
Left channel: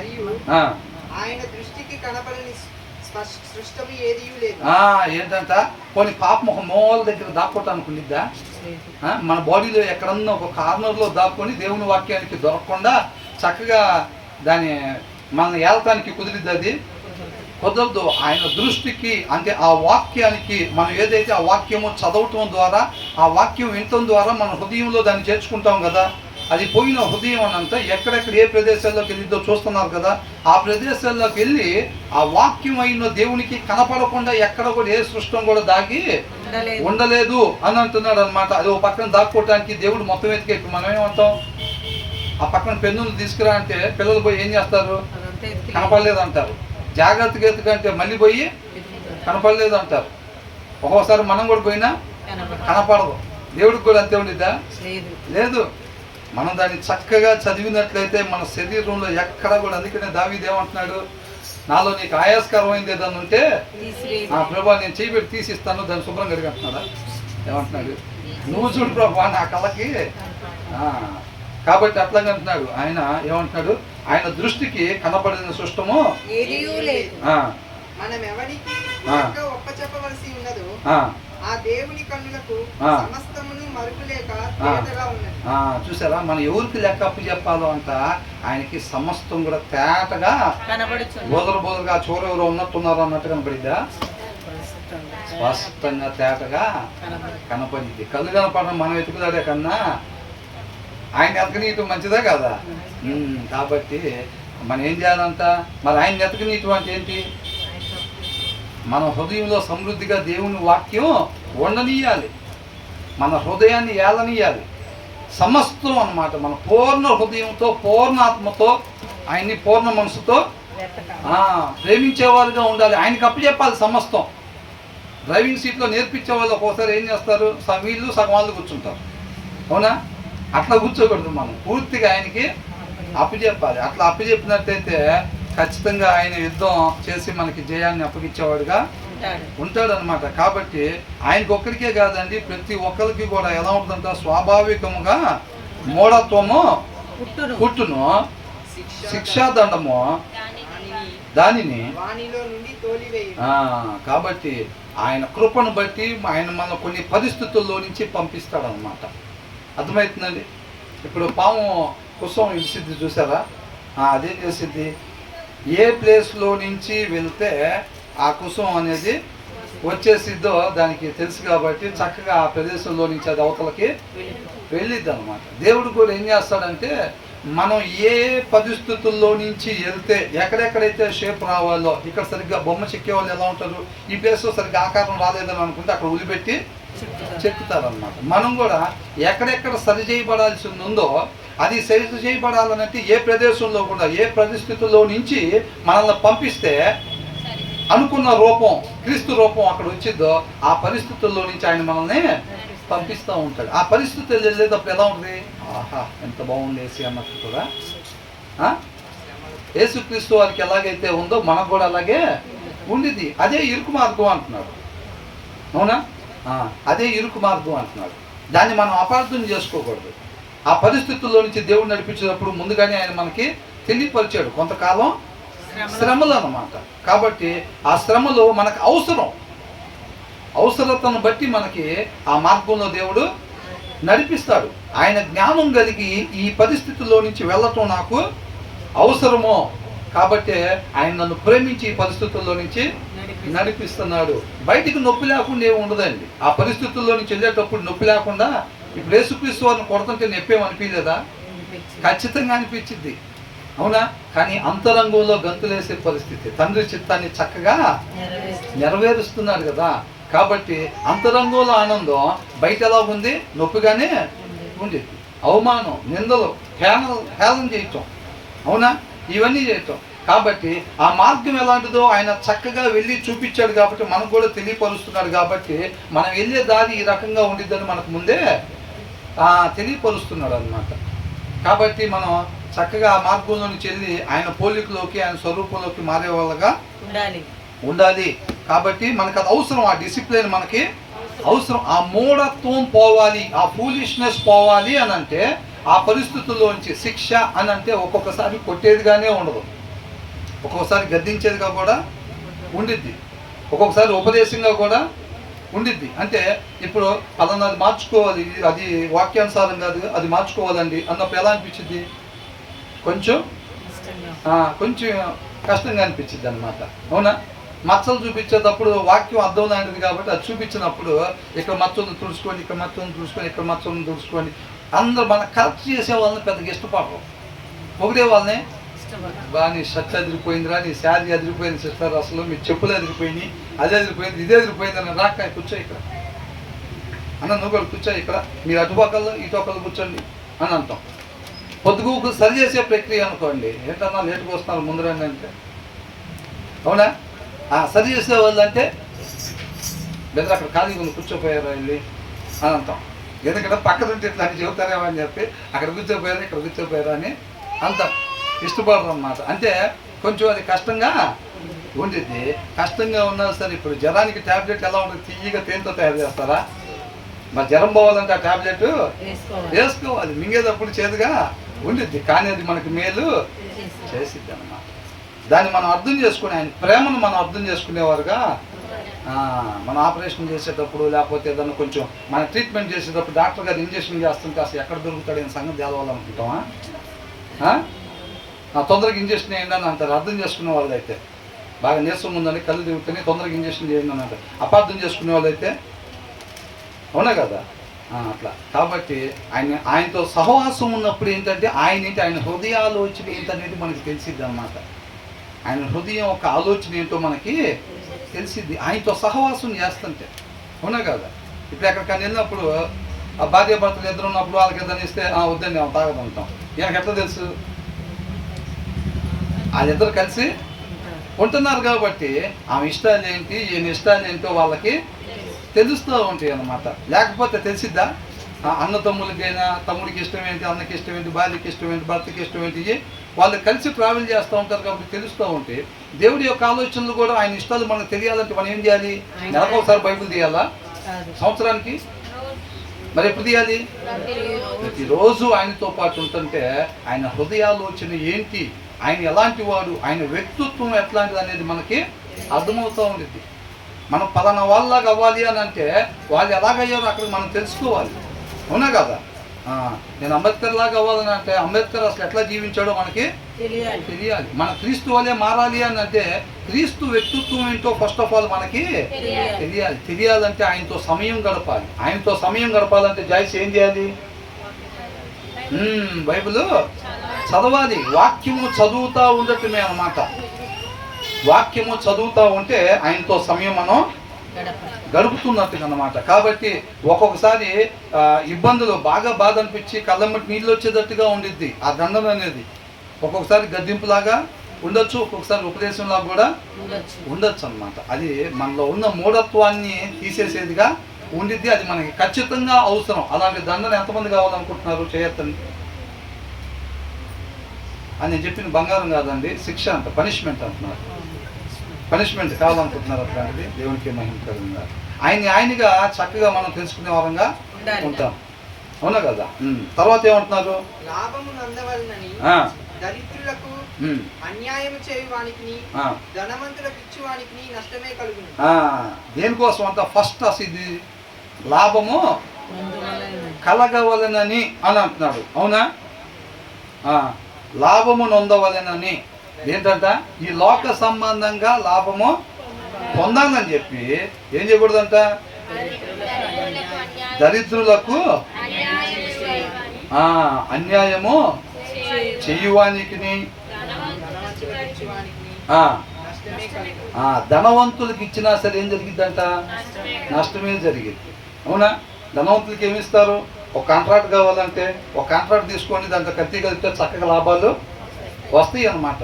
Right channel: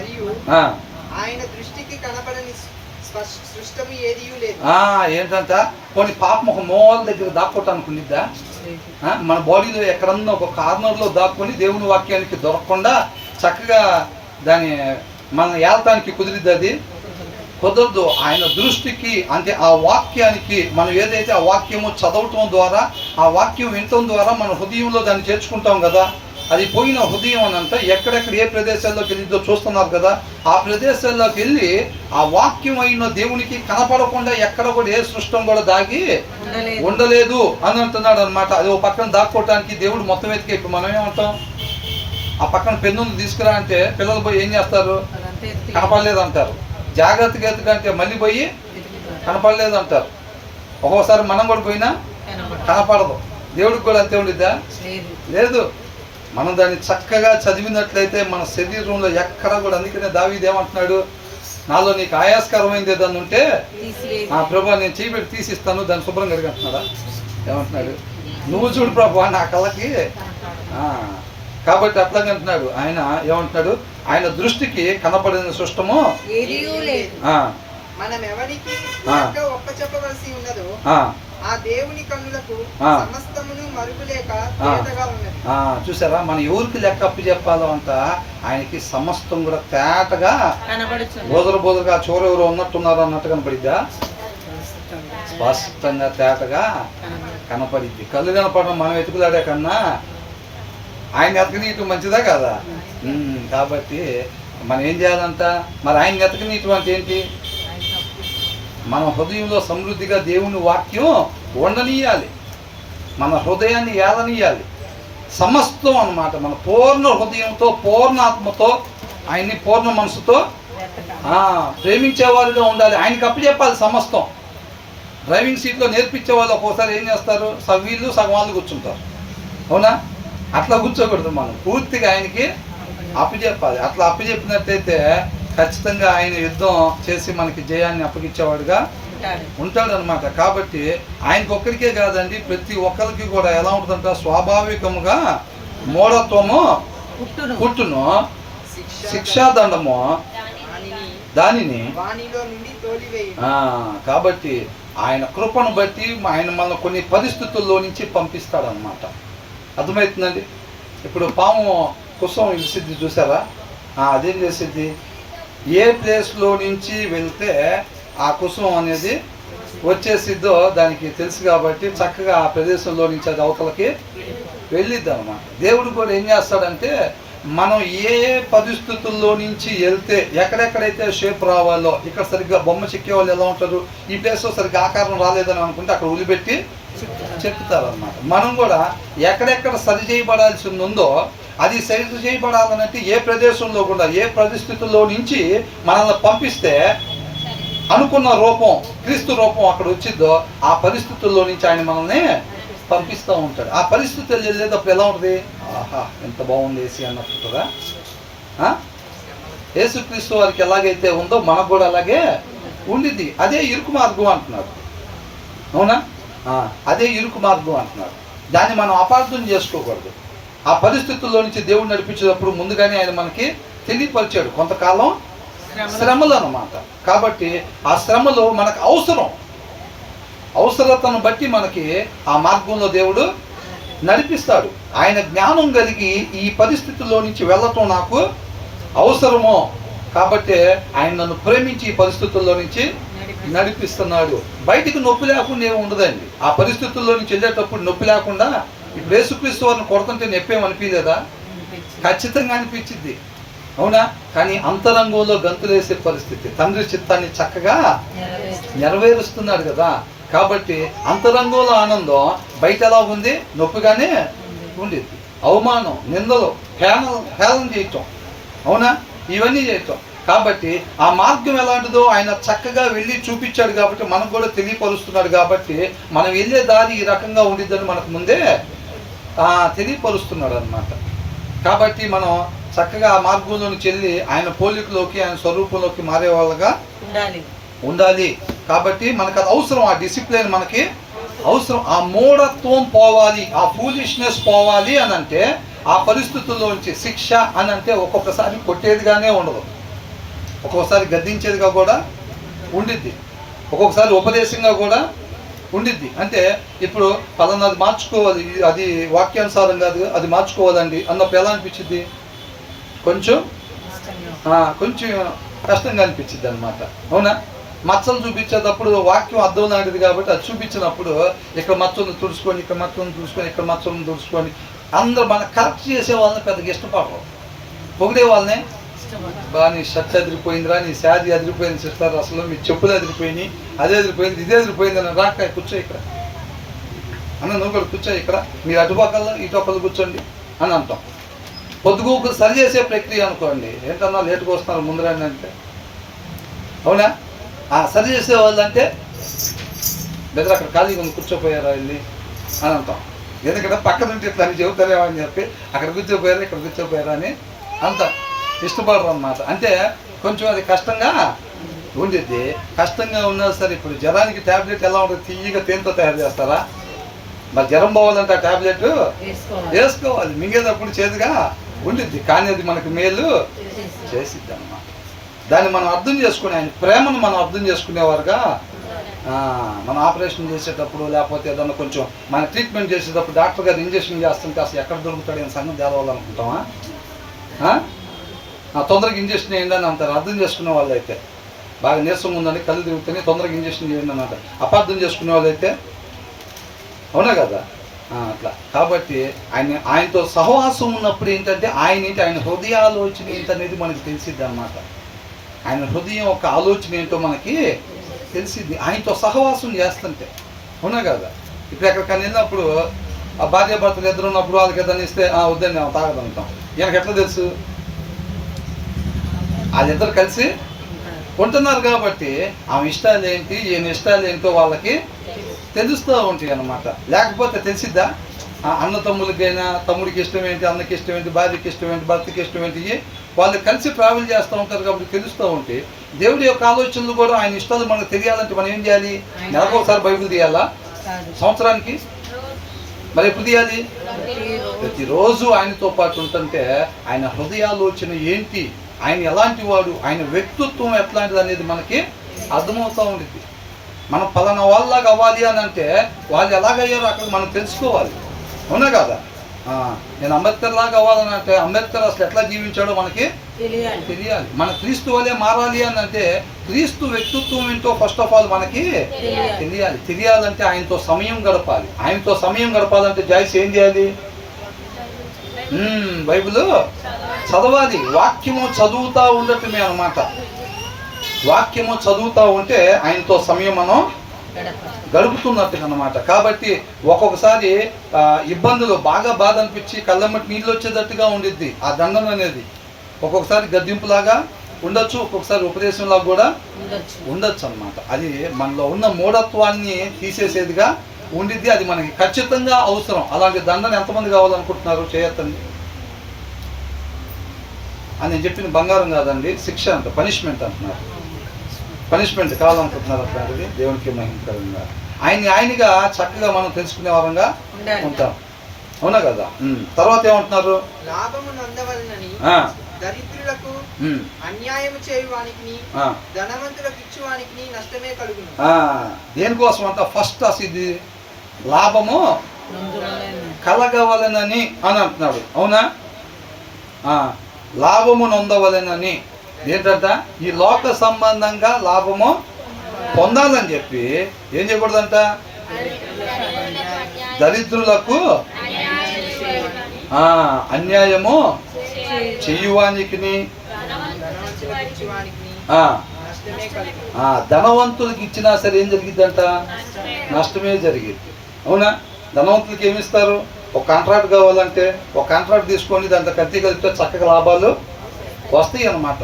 మరియు ఆ, ఆయన దృష్టికి కనపడని సృష్టము ఏదియూ లేదు. ఏంటంట కొన్ని పాపం ఒక మూల దగ్గర దాక్కోటానికి ఉండిద్దా? మన బాడీలో ఎక్కడన్నా ఒక కార్నర్లో దాక్కొని దేవుని వాక్యానికి దొరకకుండా చక్కగా దాని మన ఏలటానికి కుదిరిద్ది? అది కుదరదు. ఆయన దృష్టికి అంటే ఆ వాక్యానికి మనం ఏదైతే ఆ వాక్యము చదవటం ద్వారా ఆ వాక్యం వినటం ద్వారా మన హృదయంలో దాన్ని చేర్చుకుంటాం కదా. అది పోయిన హృదయం అనంతా ఎక్కడెక్కడ ఏ ప్రదేశాల్లోకి వెళ్ళిద్దో చూస్తున్నారు కదా. ఆ ప్రదేశాల్లోకి వెళ్ళి ఆ వాక్యం అయిన దేవునికి కనపడకుండా ఎక్కడ కూడా ఏ సృష్టం కూడా దాగి ఉండలేదు అని అంటున్నాడు అనమాట. అది ఒక పక్కన దాక్కోవటానికి దేవుడు మొత్తం ఎత్తికే. ఇప్పుడు మనం ఏమంటాం, ఆ పక్కన పెన్నులు తీసుకురా అంటే పిల్లలు పోయి ఏం చేస్తారు? కనపడలేదు అంటారు. జాగ్రత్తగా ఎత్తుకంటే మళ్ళీ పోయి కనపడలేదు అంటారు. ఒక్కోసారి మనం కూడా పోయినా కనపడదు. దేవుడికి కూడా అంతే ఉండిద్దా? లేదు. మనం దాన్ని చక్కగా చదివినట్లయితే మన శరీరంలో ఎక్కడ కూడా, అందుకనే దావీదు ఏమంటున్నాడు, నాలో నీకు ఆయాస్కరమైంది ఏదన్నా ఉంటే ప్రభా నేను చేయబెట్టి తీసిస్తాను, దాన్ని శుభ్రంగా అడిగంటున్నాడా? ఏమంటున్నాడు? నువ్వు చూడు ప్రభా నా కళ్ళకి. కాబట్టి అట్లాగే అంటున్నాడు ఆయన. ఏమంటున్నాడు? ఆయన దృష్టికి కనపడిన సృష్టము మనం ఎవరికి ఒప్పచెప్పవలసి ఉన్నదో ఆ దేవుని కన్నులకు సమస్తమును మరుగులేక తేటగా ఉన్నది. చూసారా, మనం ఎవరికి లెక్క అప్పు చెప్పాలో అంట ఆయనకి సమస్తం కూడా తేటగా బోదరుగా చోరెవరు ఉన్నట్టున్నారు అన్నట్టు కనపడిద్దా? స్పష్టంగా తేటగా కనపడిద్ది. కళ్ళు కనపడడం మనం వెతుకులాడే కన్నా ఆయన ఎతకనీయటం మంచిదా కదా. కాబట్టి మనం ఏం చేయాలంట? మరి ఆయన ఎతకనీయటం అంటే ఏంటి? మన హృదయంలో సమృద్ధిగా దేవుని వాక్యం ఉండనీయాలి, మన హృదయాన్ని ఏలనీయాలి. సమస్తం అన్నమాట. మన పూర్ణ హృదయంతో పూర్ణ ఆత్మతో ఆయన్ని పూర్ణ మనసుతో ప్రేమించేవారుగా ఉండాలి. ఆయనకి అప్పు చెప్పాలి సమస్తం. డ్రైవింగ్ సీట్లో నేర్పించే వాళ్ళు ఒక్కోసారి ఏం చేస్తారు, సగం వీళ్ళు సగం వాళ్ళు కూర్చుంటారు. అవునా? అట్లా కూర్చోకూడదు. మనం పూర్తిగా ఆయనకి అప్పు చెప్పాలి. అట్లా అప్పు చెప్పినట్టయితే ఖచ్చితంగా ఆయన యుద్ధం చేసి మనకి జయాన్ని అప్పగించేవాడుగా ఉంటాడు అనమాట. కాబట్టి ఆయనకి ఒక్కరికే కాదండి, ప్రతి ఒక్కరికి కూడా ఎలా ఉంటుందంట, స్వాభావికముగా మూఢత్వము పుట్టును, శిక్షాదండము దానిని. కాబట్టి ఆయన కృపను బట్టి ఆయన మన కొన్ని పరిస్థితుల్లో నుంచి పంపిస్తాడనమాట. అర్థమవుతుందండి? ఇప్పుడు పాము కుసం ఇసిద్ది చూసారా? అదేం చేసిద్ది? ఏ ప్లేస్లో నుంచి వెళ్తే ఆ కుసుమం అనేది వచ్చేసిద్దో దానికి తెలుసు కాబట్టి చక్కగా ఆ ప్రదేశంలో నుంచి అది అవతలకి వెళ్ళిద్ది అనమాట. దేవుడు కూడా ఏం చేస్తాడంటే మనం ఏ పరిస్థితుల్లో నుంచి వెళ్తే ఎక్కడెక్కడైతే షేప్ రావాలో, ఇక్కడ సరిగ్గా బొమ్మ చెక్కే వాళ్ళు ఎలా ఉంటారు, ఈ ప్లేస్లో సరిగ్గా ఆకారం రాలేదని అనుకుంటే అక్కడ ఉలిపెట్టి చెక్కుతారనమాట. మనం కూడా ఎక్కడెక్కడ సరి చేయబడాల్సి ఉందో అది సరి చేయబడాలనంటే ఏ ప్రదేశంలో కూడా ఏ పరిస్థితుల్లో నుంచి మనల్ని పంపిస్తే అనుకున్న రూపం క్రీస్తు రూపం అక్కడ వచ్చిందో ఆ పరిస్థితుల్లో నుంచి ఆయన మనల్ని పంపిస్తూ ఉంటాడు. ఆ పరిస్థితులు వెళ్ళేటప్పుడు ఎలా ఉంటుంది? ఆహా ఎంత బాగుంది ఏసీ అన్నట్టు కూడా. యేసుక్రీస్తు వారికి ఎలాగైతే ఉందో మనకు కూడా అలాగే ఉండిద్ది. అదే ఇరుకు మార్గం అంటున్నాడు. అవునా? అదే ఇరుకు మార్గం అంటున్నాడు. దాన్ని మనం అపార్థం చేసుకోకూడదు. ఆ పరిస్థితుల్లో నుంచి దేవుడు నడిపించేటప్పుడు ముందుగానే ఆయన మనకి తెలియపరిచాడు కొంతకాలం శ్రమలు అన్నమాట. కాబట్టి ఆ శ్రమలు మనకు అవసరతను బట్టి మనకి ఆ మార్గంలో దేవుడు నడిపిస్తాడు. ఆయన జ్ఞానం కలిగి ఈ పరిస్థితుల్లో నుంచి వెళ్ళటం నాకు అవసరమో కాబట్టి ఆయన నన్ను ప్రేమించి ఈ పరిస్థితుల్లో నుంచి నడిపిస్తున్నాడు. బయటికి నొప్పి లేకుండా ఏమి ఉండదండి. ఆ పరిస్థితుల్లో నుంచి వెళ్ళేటప్పుడు నొప్పి లేకుండా ఇప్పుడు యేసుక్రీస్తు వారిని కొడుతుంటే నొప్పేమనిపించలేదా? ఖచ్చితంగా అనిపించింది. అవునా? కానీ అంతరంగంలో గంతులేసే పరిస్థితి. తండ్రి చిత్తాన్ని చక్కగా నెరవేరుస్తున్నాడు కదా. కాబట్టి అంతరంగంలో ఆనందం బయట ఎలా ఉంది? నొప్పిగానే ఉండేది. అవమానం, నిందలు, హేళన చేయటం, అవునా? ఇవన్నీ చేయటం. కాబట్టి ఆ మార్గం ఎలాంటిదో ఆయన చక్కగా వెళ్ళి చూపించాడు కాబట్టి మనకు కూడా తెలియపరుస్తున్నాడు. కాబట్టి మనం వెళ్ళే దారి ఈ రకంగా ఉండిద్దని మనకు ముందే తెలియపరుస్తున్నాడు అన్నమాట. కాబట్టి మనం చక్కగా ఆ మార్గంలోని చెల్లి ఆయన పోలికలోకి ఆయన స్వరూపంలోకి మారే వాళ్ళగా ఉండాలి. కాబట్టి మనకు అది అవసరం. ఆ డిసిప్లిన్ మనకి అవసరం. ఆ మూఢత్వం పోవాలి, ఆ ఫూలిష్నెస్ పోవాలి అని అంటే ఆ పరిస్థితుల్లోంచి శిక్ష అని అంటే ఒక్కొక్కసారి కొట్టేదిగానే ఉండదు. ఒక్కొక్కసారి గద్దించేదిగా కూడా ఉండిద్ది, ఒక్కొక్కసారి ఉపదేశంగా కూడా ఉండిద్ది. అంటే ఇప్పుడు పలానాది మార్చుకోవాలి, అది వాక్యానుసారం కాదు, అది మార్చుకోవాలండి అన్నప్పుడు ఎలా అనిపించింది? కొంచెం కొంచెం కష్టంగా అనిపించింది అనమాట. అవునా? మచ్చలు చూపించేటప్పుడు వాక్యం అర్థం లాంటిది కాబట్టి అది చూపించినప్పుడు ఇక్కడ మచ్చను తుడుచుకొని, ఇక్కడ మచ్చను తుడుచుకొని, ఇక్కడ మచ్చను తుడుచుకొని అందరూ మన కరెక్ట్ చేసే వాళ్ళని పెద్దగా ఇష్టపడరు. పొగిడే వాళ్ళని బా నీ షర్ట్ అదిరిపోయిందిరా, నీ శారీ అదిరిపోయింది సిస్టర్, అసలు మీ చెప్పులు అదిరిపోయినాయి, అదే అదిరిపోయింది, ఇదే అదిరిపోయింది అని రాక కూర్చో ఇక్కడ అన్న, నువ్వు కూడా కూర్చో ఇక్కడ, మీరు అటుపక్కల్లో ఇటుపక్కలు కూర్చోండి అని అంటాం. పొద్దుగూకు సరి చేసే ప్రక్రియ అనుకోండి, ఏంటన్నా లేటుకు వస్తున్నారు ముందు రండి అంటే, అవునా? సరి చేసే వాళ్ళు అంటే బెదర్ అక్కడ ఖాళీగా ఉంది కూర్చోపోయారా వెళ్ళి అని అంటాం. ఎందుకంటే పక్కన ఉంటే ఇట్లా అని చెబుతారేమో అని చెప్పి అక్కడ కూర్చోపోయారా ఇక్కడ కూర్చోపోయారా అని అంత ఇష్టపడరు అన్నమాట. అంటే కొంచెం అది కష్టంగా ఉండిద్ది. కష్టంగా ఉన్నా సరే ఇప్పుడు జ్వరానికి ట్యాబ్లెట్ ఎలా ఉంటుంది? తీయగా తేనెతో తయారు చేస్తారా? మరి జ్వరం పోవాలంటే ఆ ట్యాబ్లెట్ వేసుకోవాలి, మింగేటప్పుడు చేదుగా ఉండిద్ది, కానీ అది మనకి మేలు చేసిద్ది అన్నమాట. దాన్ని మనం అర్థం చేసుకునే, ఆయన ప్రేమను మనం అర్థం చేసుకునేవారుగా మన ఆపరేషన్ చేసేటప్పుడు లేకపోతే ఏదన్నా కొంచెం మన ట్రీట్మెంట్ చేసేటప్పుడు డాక్టర్ గారు ఇంజక్షన్ చేస్తుంటే అసలు ఎక్కడ దొరుకుతాడు అని సంగతి తేవాలనుకుంటామా? తొందరగా ఇంజక్షన్ వేయండి అని అంటారు. అర్థం చేసుకునే వాళ్ళు అయితే బాగా నీరసం ఉందని కళ్ళు తిరుగుతాయి, తొందరగా ఇంజక్షన్ చేయండి అని అంటారు. అపార్థం చేసుకునే వాళ్ళు అయితే అవునా కదా? అట్లా కాబట్టి ఆయనతో సహవాసం ఉన్నప్పుడు ఏంటంటే ఆయన హృదయాలోచన ఏంటనేది మనకి తెలిసిద్ది అన్నమాట. ఆయన హృదయం ఒక ఆలోచన ఏంటో మనకి తెలిసిద్ది ఆయనతో సహవాసం చేస్తుంటే, అవునా కదా? ఇప్పుడు ఎక్కడికైనా వెళ్ళినప్పుడు ఆ భార్య భర్తలు ఇద్దరు ఉన్నప్పుడు వాళ్ళకి ఏదైనా ఇస్తే వద్దండి తాగదంటాం. ఈయనకి ఎట్లా తెలుసు? వాళ్ళిద్దరు కలిసి ఉంటున్నారు కాబట్టి ఆమె ఇష్టాలు ఏంటి, ఈయన ఇష్టాలు ఏంటో వాళ్ళకి తెలుస్తూ ఉంటాయి అన్నమాట. లేకపోతే తెలిసిద్దా? అన్న తమ్ములకైనా తమ్ముడికి ఇష్టం ఏంటి, అన్నకి ఇష్టం ఏంటి, భార్యకి ఇష్టం ఏంటి, భర్తకి ఇష్టం ఏంటి, వాళ్ళు కలిసి ట్రావెల్ చేస్తూ ఉంటారు కాబట్టి తెలుస్తూ ఉంటాయి. దేవుడి యొక్క ఆలోచనలు కూడా ఆయన ఇష్టాలు మనకు తెలియాలంటే మనం ఏం చేయాలి? నెలకు ఒకసారి బైబిల్ తీయాలా? సంవత్సరానికి మరి ఎప్పుడు తీయాలి? ప్రతిరోజు ఆయనతో పాటు ఉంటుంటే ఆయన హృదయాలోచన ఏంటి, ఆయన ఎలాంటి వాడు, ఆయన వ్యక్తిత్వం ఎట్లాంటిది అనేది మనకి అర్థమవుతూ ఉండేది. మనం పలానా వాళ్ళలాగా అవ్వాలి అని అంటే వాళ్ళు ఎలాగయ్యారో అక్కడ మనం తెలుసుకోవాలి, అవునా కదా? నేను అంబేద్కర్ లాగా అవ్వాలని అంటే అంబేద్కర్ అసలు ఎట్లా జీవించాడో మనకి తెలియాలి. మన క్రీస్తు వల్లే మారాలి అని అంటే క్రీస్తు వ్యక్తిత్వం ఏంటో ఫస్ట్ ఆఫ్ ఆల్ మనకి తెలియాలంటే ఆయనతో సమయం గడపాలి. ఆయనతో సమయం గడపాలంటే జాయిస్ ఏం చేయాలి? బైబిల్ చదవాలి, వాక్యము చదువుతూ ఉండటమే అన్నమాట. వాక్యము చదువుతూ ఉంటే ఆయనతో సమయం మనం గడుపుతున్నట్టుగా అన్నమాట. కాబట్టి ఒక్కొక్కసారి ఇబ్బందులు బాగా బాధ అనిపించి కళ్ళమ్మటి నీళ్ళు వచ్చేటట్టుగా ఉండిద్ది ఆ దండం అనేది. ఒక్కొక్కసారి గద్దింపులాగా ఉండొచ్చు, ఒక్కొక్కసారి ఉపదేశంలాగా కూడా ఉండొచ్చు అన్నమాట. అది మనలో ఉన్న మూఢత్వాన్ని తీసేసేదిగా ఉండిద్ది. అది మనకి ఖచ్చితంగా అవసరం. అలాంటి దండన ఎంతమంది కావాలనుకుంటున్నారు? చేయొద్దని అని నేను చెప్పిన బంగారం కాదండి, శిక్ష అంట, పనిష్మెంట్ అంటున్నారు. పనిష్మెంట్ కావాలనుకుంటున్నారు. అట్లాంటిది దేవునికి మహిమకరంగా ఆయనగా చక్కగా మనం తెలుసుకునే వారంగా ఉంటాం, అవునా కదా? తర్వాత ఏమంటున్నారు? లాభమును అందవలనని దరిద్రులకు అన్యాయం చేయువానికి ధనవంతులకు ఇచ్చువానికి నష్టమే కలుగును. దేనికోసం అంట? ఫస్ట్ అసలు ఇది లాభము కలగవలనని అని అంటున్నాడు, అవునా? లాభము నొందవలనని ఏంటంట? ఈ లోక సంబంధంగా లాభము పొందాలని చెప్పి ఏం చేయకూడదంట? దరిద్రులకు అన్యాయము చేయువానికి ధనవంతులకి ఇచ్చినా సరే ఏం జరిగిద్దంట? నష్టమే జరిగింది, అవునా? ధనవంతులకి ఏమిస్తారు? ఒక కాంట్రాక్ట్ కావాలంటే ఒక కాంట్రాక్ట్ తీసుకొని దాంట్లో కత్తి కలిపితే చక్కగా లాభాలు వస్తాయి అన్నమాట.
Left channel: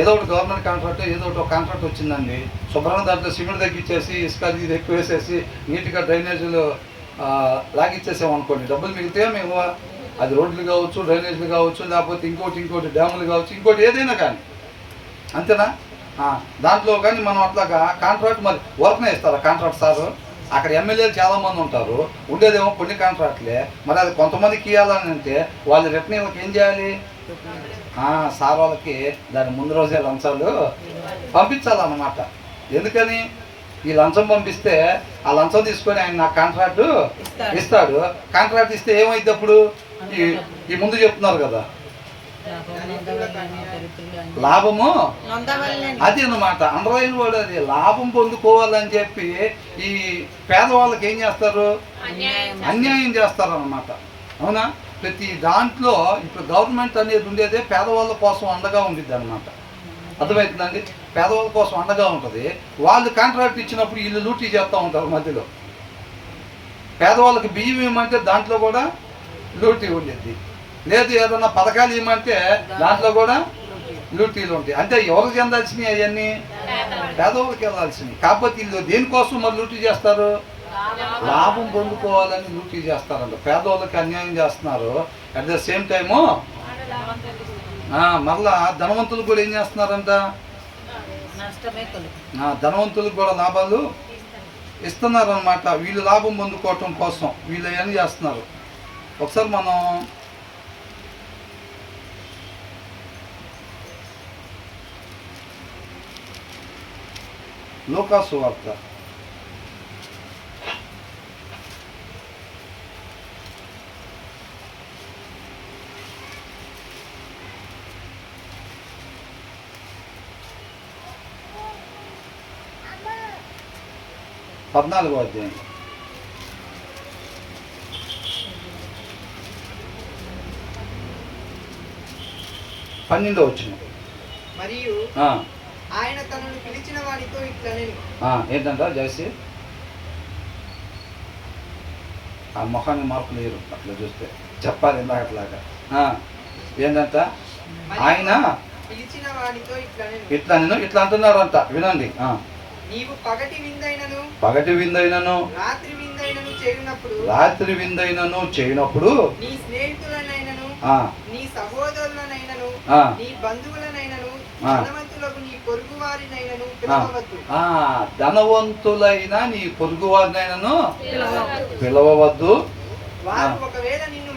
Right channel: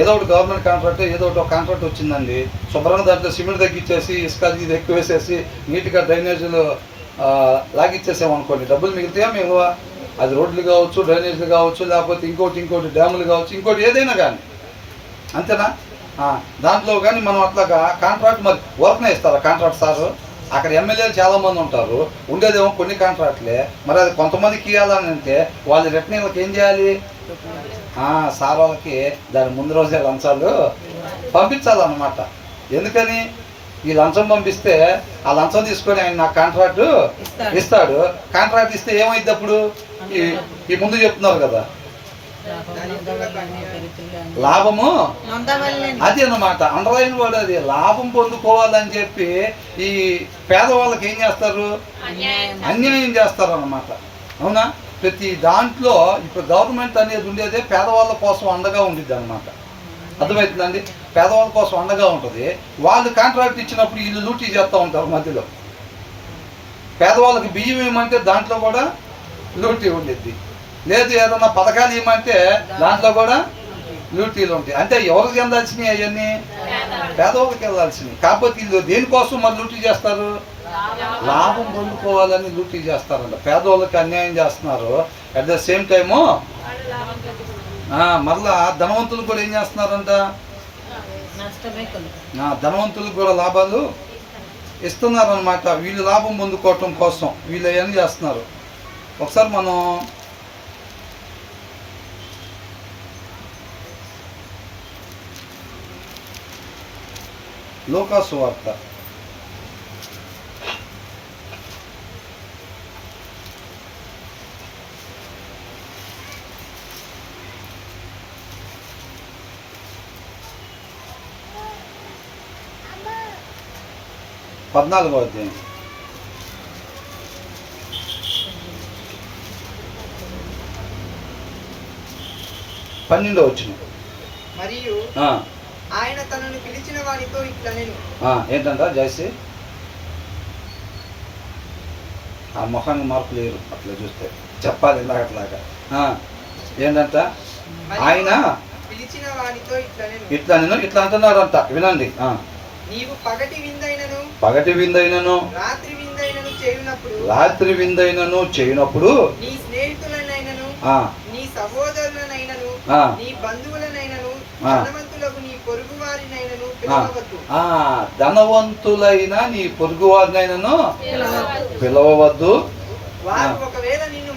ఏదో ఒకటి గవర్నమెంట్ కాంట్రాక్ట్, ఏదో ఒకటి ఒక కాంట్రాక్ట్ వచ్చిందండి, శుభ్రంగా దాంట్లో సిమెంట్ తగ్గించేసి ఇసుక ఇది ఎక్కువ వేసేసి నీట్గా డ్రైనేజీలు లాగిచ్చేసామనుకోండి, డబ్బులు మిగిలితే మేము అది రోడ్లు కావచ్చు, డ్రైనేజీలు కావచ్చు, లేకపోతే ఇంకోటి డ్యాములు కావచ్చు, ఇంకోటి ఏదైనా కానీ, అంతేనా? దాంట్లో కానీ మనం అట్లాగా కాంట్రాక్ట్ మరి వర్క్నే ఇస్తారు కాంట్రాక్ట్ సారు. అక్కడ ఎమ్మెల్యేలు చాలామంది ఉంటారు, ఉండేదేమో కొన్ని కాంట్రాక్ట్లే. మరి అది కొంతమందికి ఇవ్వాలని అంటే వాళ్ళు రిటర్న్ ఏం చేయాలి? సార్ వాళ్ళకి దాని ముందు రోజే లంచాలు పంపించాలన్నమాట. ఎందుకని ఈ లంచం పంపిస్తే ఆ లంచం తీసుకొని ఆయన నాకు కాంట్రాక్ట్ ఇస్తాడు. కాంట్రాక్ట్ ఇస్తే ఏమైంది అప్పుడు? ఈ ముందు చెప్తున్నారు కదా లాభము, అది అన్నమాట అండర్లైన్ వర్డ్. అది లాభం పొందుకోవాలని చెప్పి ఈ పేదవాళ్ళకి ఏం చేస్తారు? అన్యాయం చేస్తారు అన్నమాట. అవునా? ప్రతి దాంట్లో ఇప్పుడు గవర్నమెంట్ అనేది ఉండేదే పేదవాళ్ళ కోసం అండగా ఉండిద్ది అన్నమాట. అర్థమవుతుందండి? పేదవాళ్ళ కోసం అండగా ఉంటుంది. వాళ్ళు కాంట్రాక్ట్ ఇచ్చినప్పుడు వీళ్ళు లూటీ చేస్తూ ఉంటారు మధ్యలో. పేదవాళ్ళకి బియ్యం ఇవ్వమంటే దాంట్లో కూడా లూటీ ఉండిద్ది. లేదు ఏదన్నా పథకాలు ఇవ్వమంటే దాంట్లో కూడా లూటీలు ఉంటాయి. అంటే ఎవరికి చెందాల్సినవి అవన్నీ? పేదవాళ్ళకి వెళ్ళాల్సినవి. కాకపోతే వీళ్ళు దేనికోసం మరి లూటీ చేస్తారు? లాభం పొందుకోవాలని లూటీ చేస్తారంట. పేదవాళ్ళకి అన్యాయం చేస్తున్నారు. అట్ ద సేమ్ టైము మరలా ధనవంతులు కూడా ఏం చేస్తున్నారంట? ధనవంతులకు కూడా లాభాలు ఇస్తున్నారనమాట. వీళ్ళు లాభం పొందుకోవటం కోసం వీళ్ళు ఏం చేస్తున్నారు? ఒకసారి మనం లూకాసు వార్త 14వ అధ్యాయం. పన్నెండో వచ్చిన. మరియు ఆయన తనను పిలిచిన వారితో ఇట్లా నేను ఏంటంట జయసి ఆ మొహానికి మార్పు లేరు అట్లా చూస్తే చెప్పాలి ఇందాక అట్లాగా. ఏంటంట? ఆయన పిలిచిన వారితో ఇట్లా అంటున్నాడంట. వినండి. నీవు పగటి విందైనను రాత్రి విందైనను చేయునప్పుడు నీ స్నేహితులనైనను నీ సహోదరులనైనను నీ బంధువులనైనను ధనవంతులకు నీ పొరుగు వారినైనను పిలవవద్దు. ధనవంతులైన నీ పొరుగు వారినైనను పిలవవద్దు. వారు ఒకవేళ నిన్ను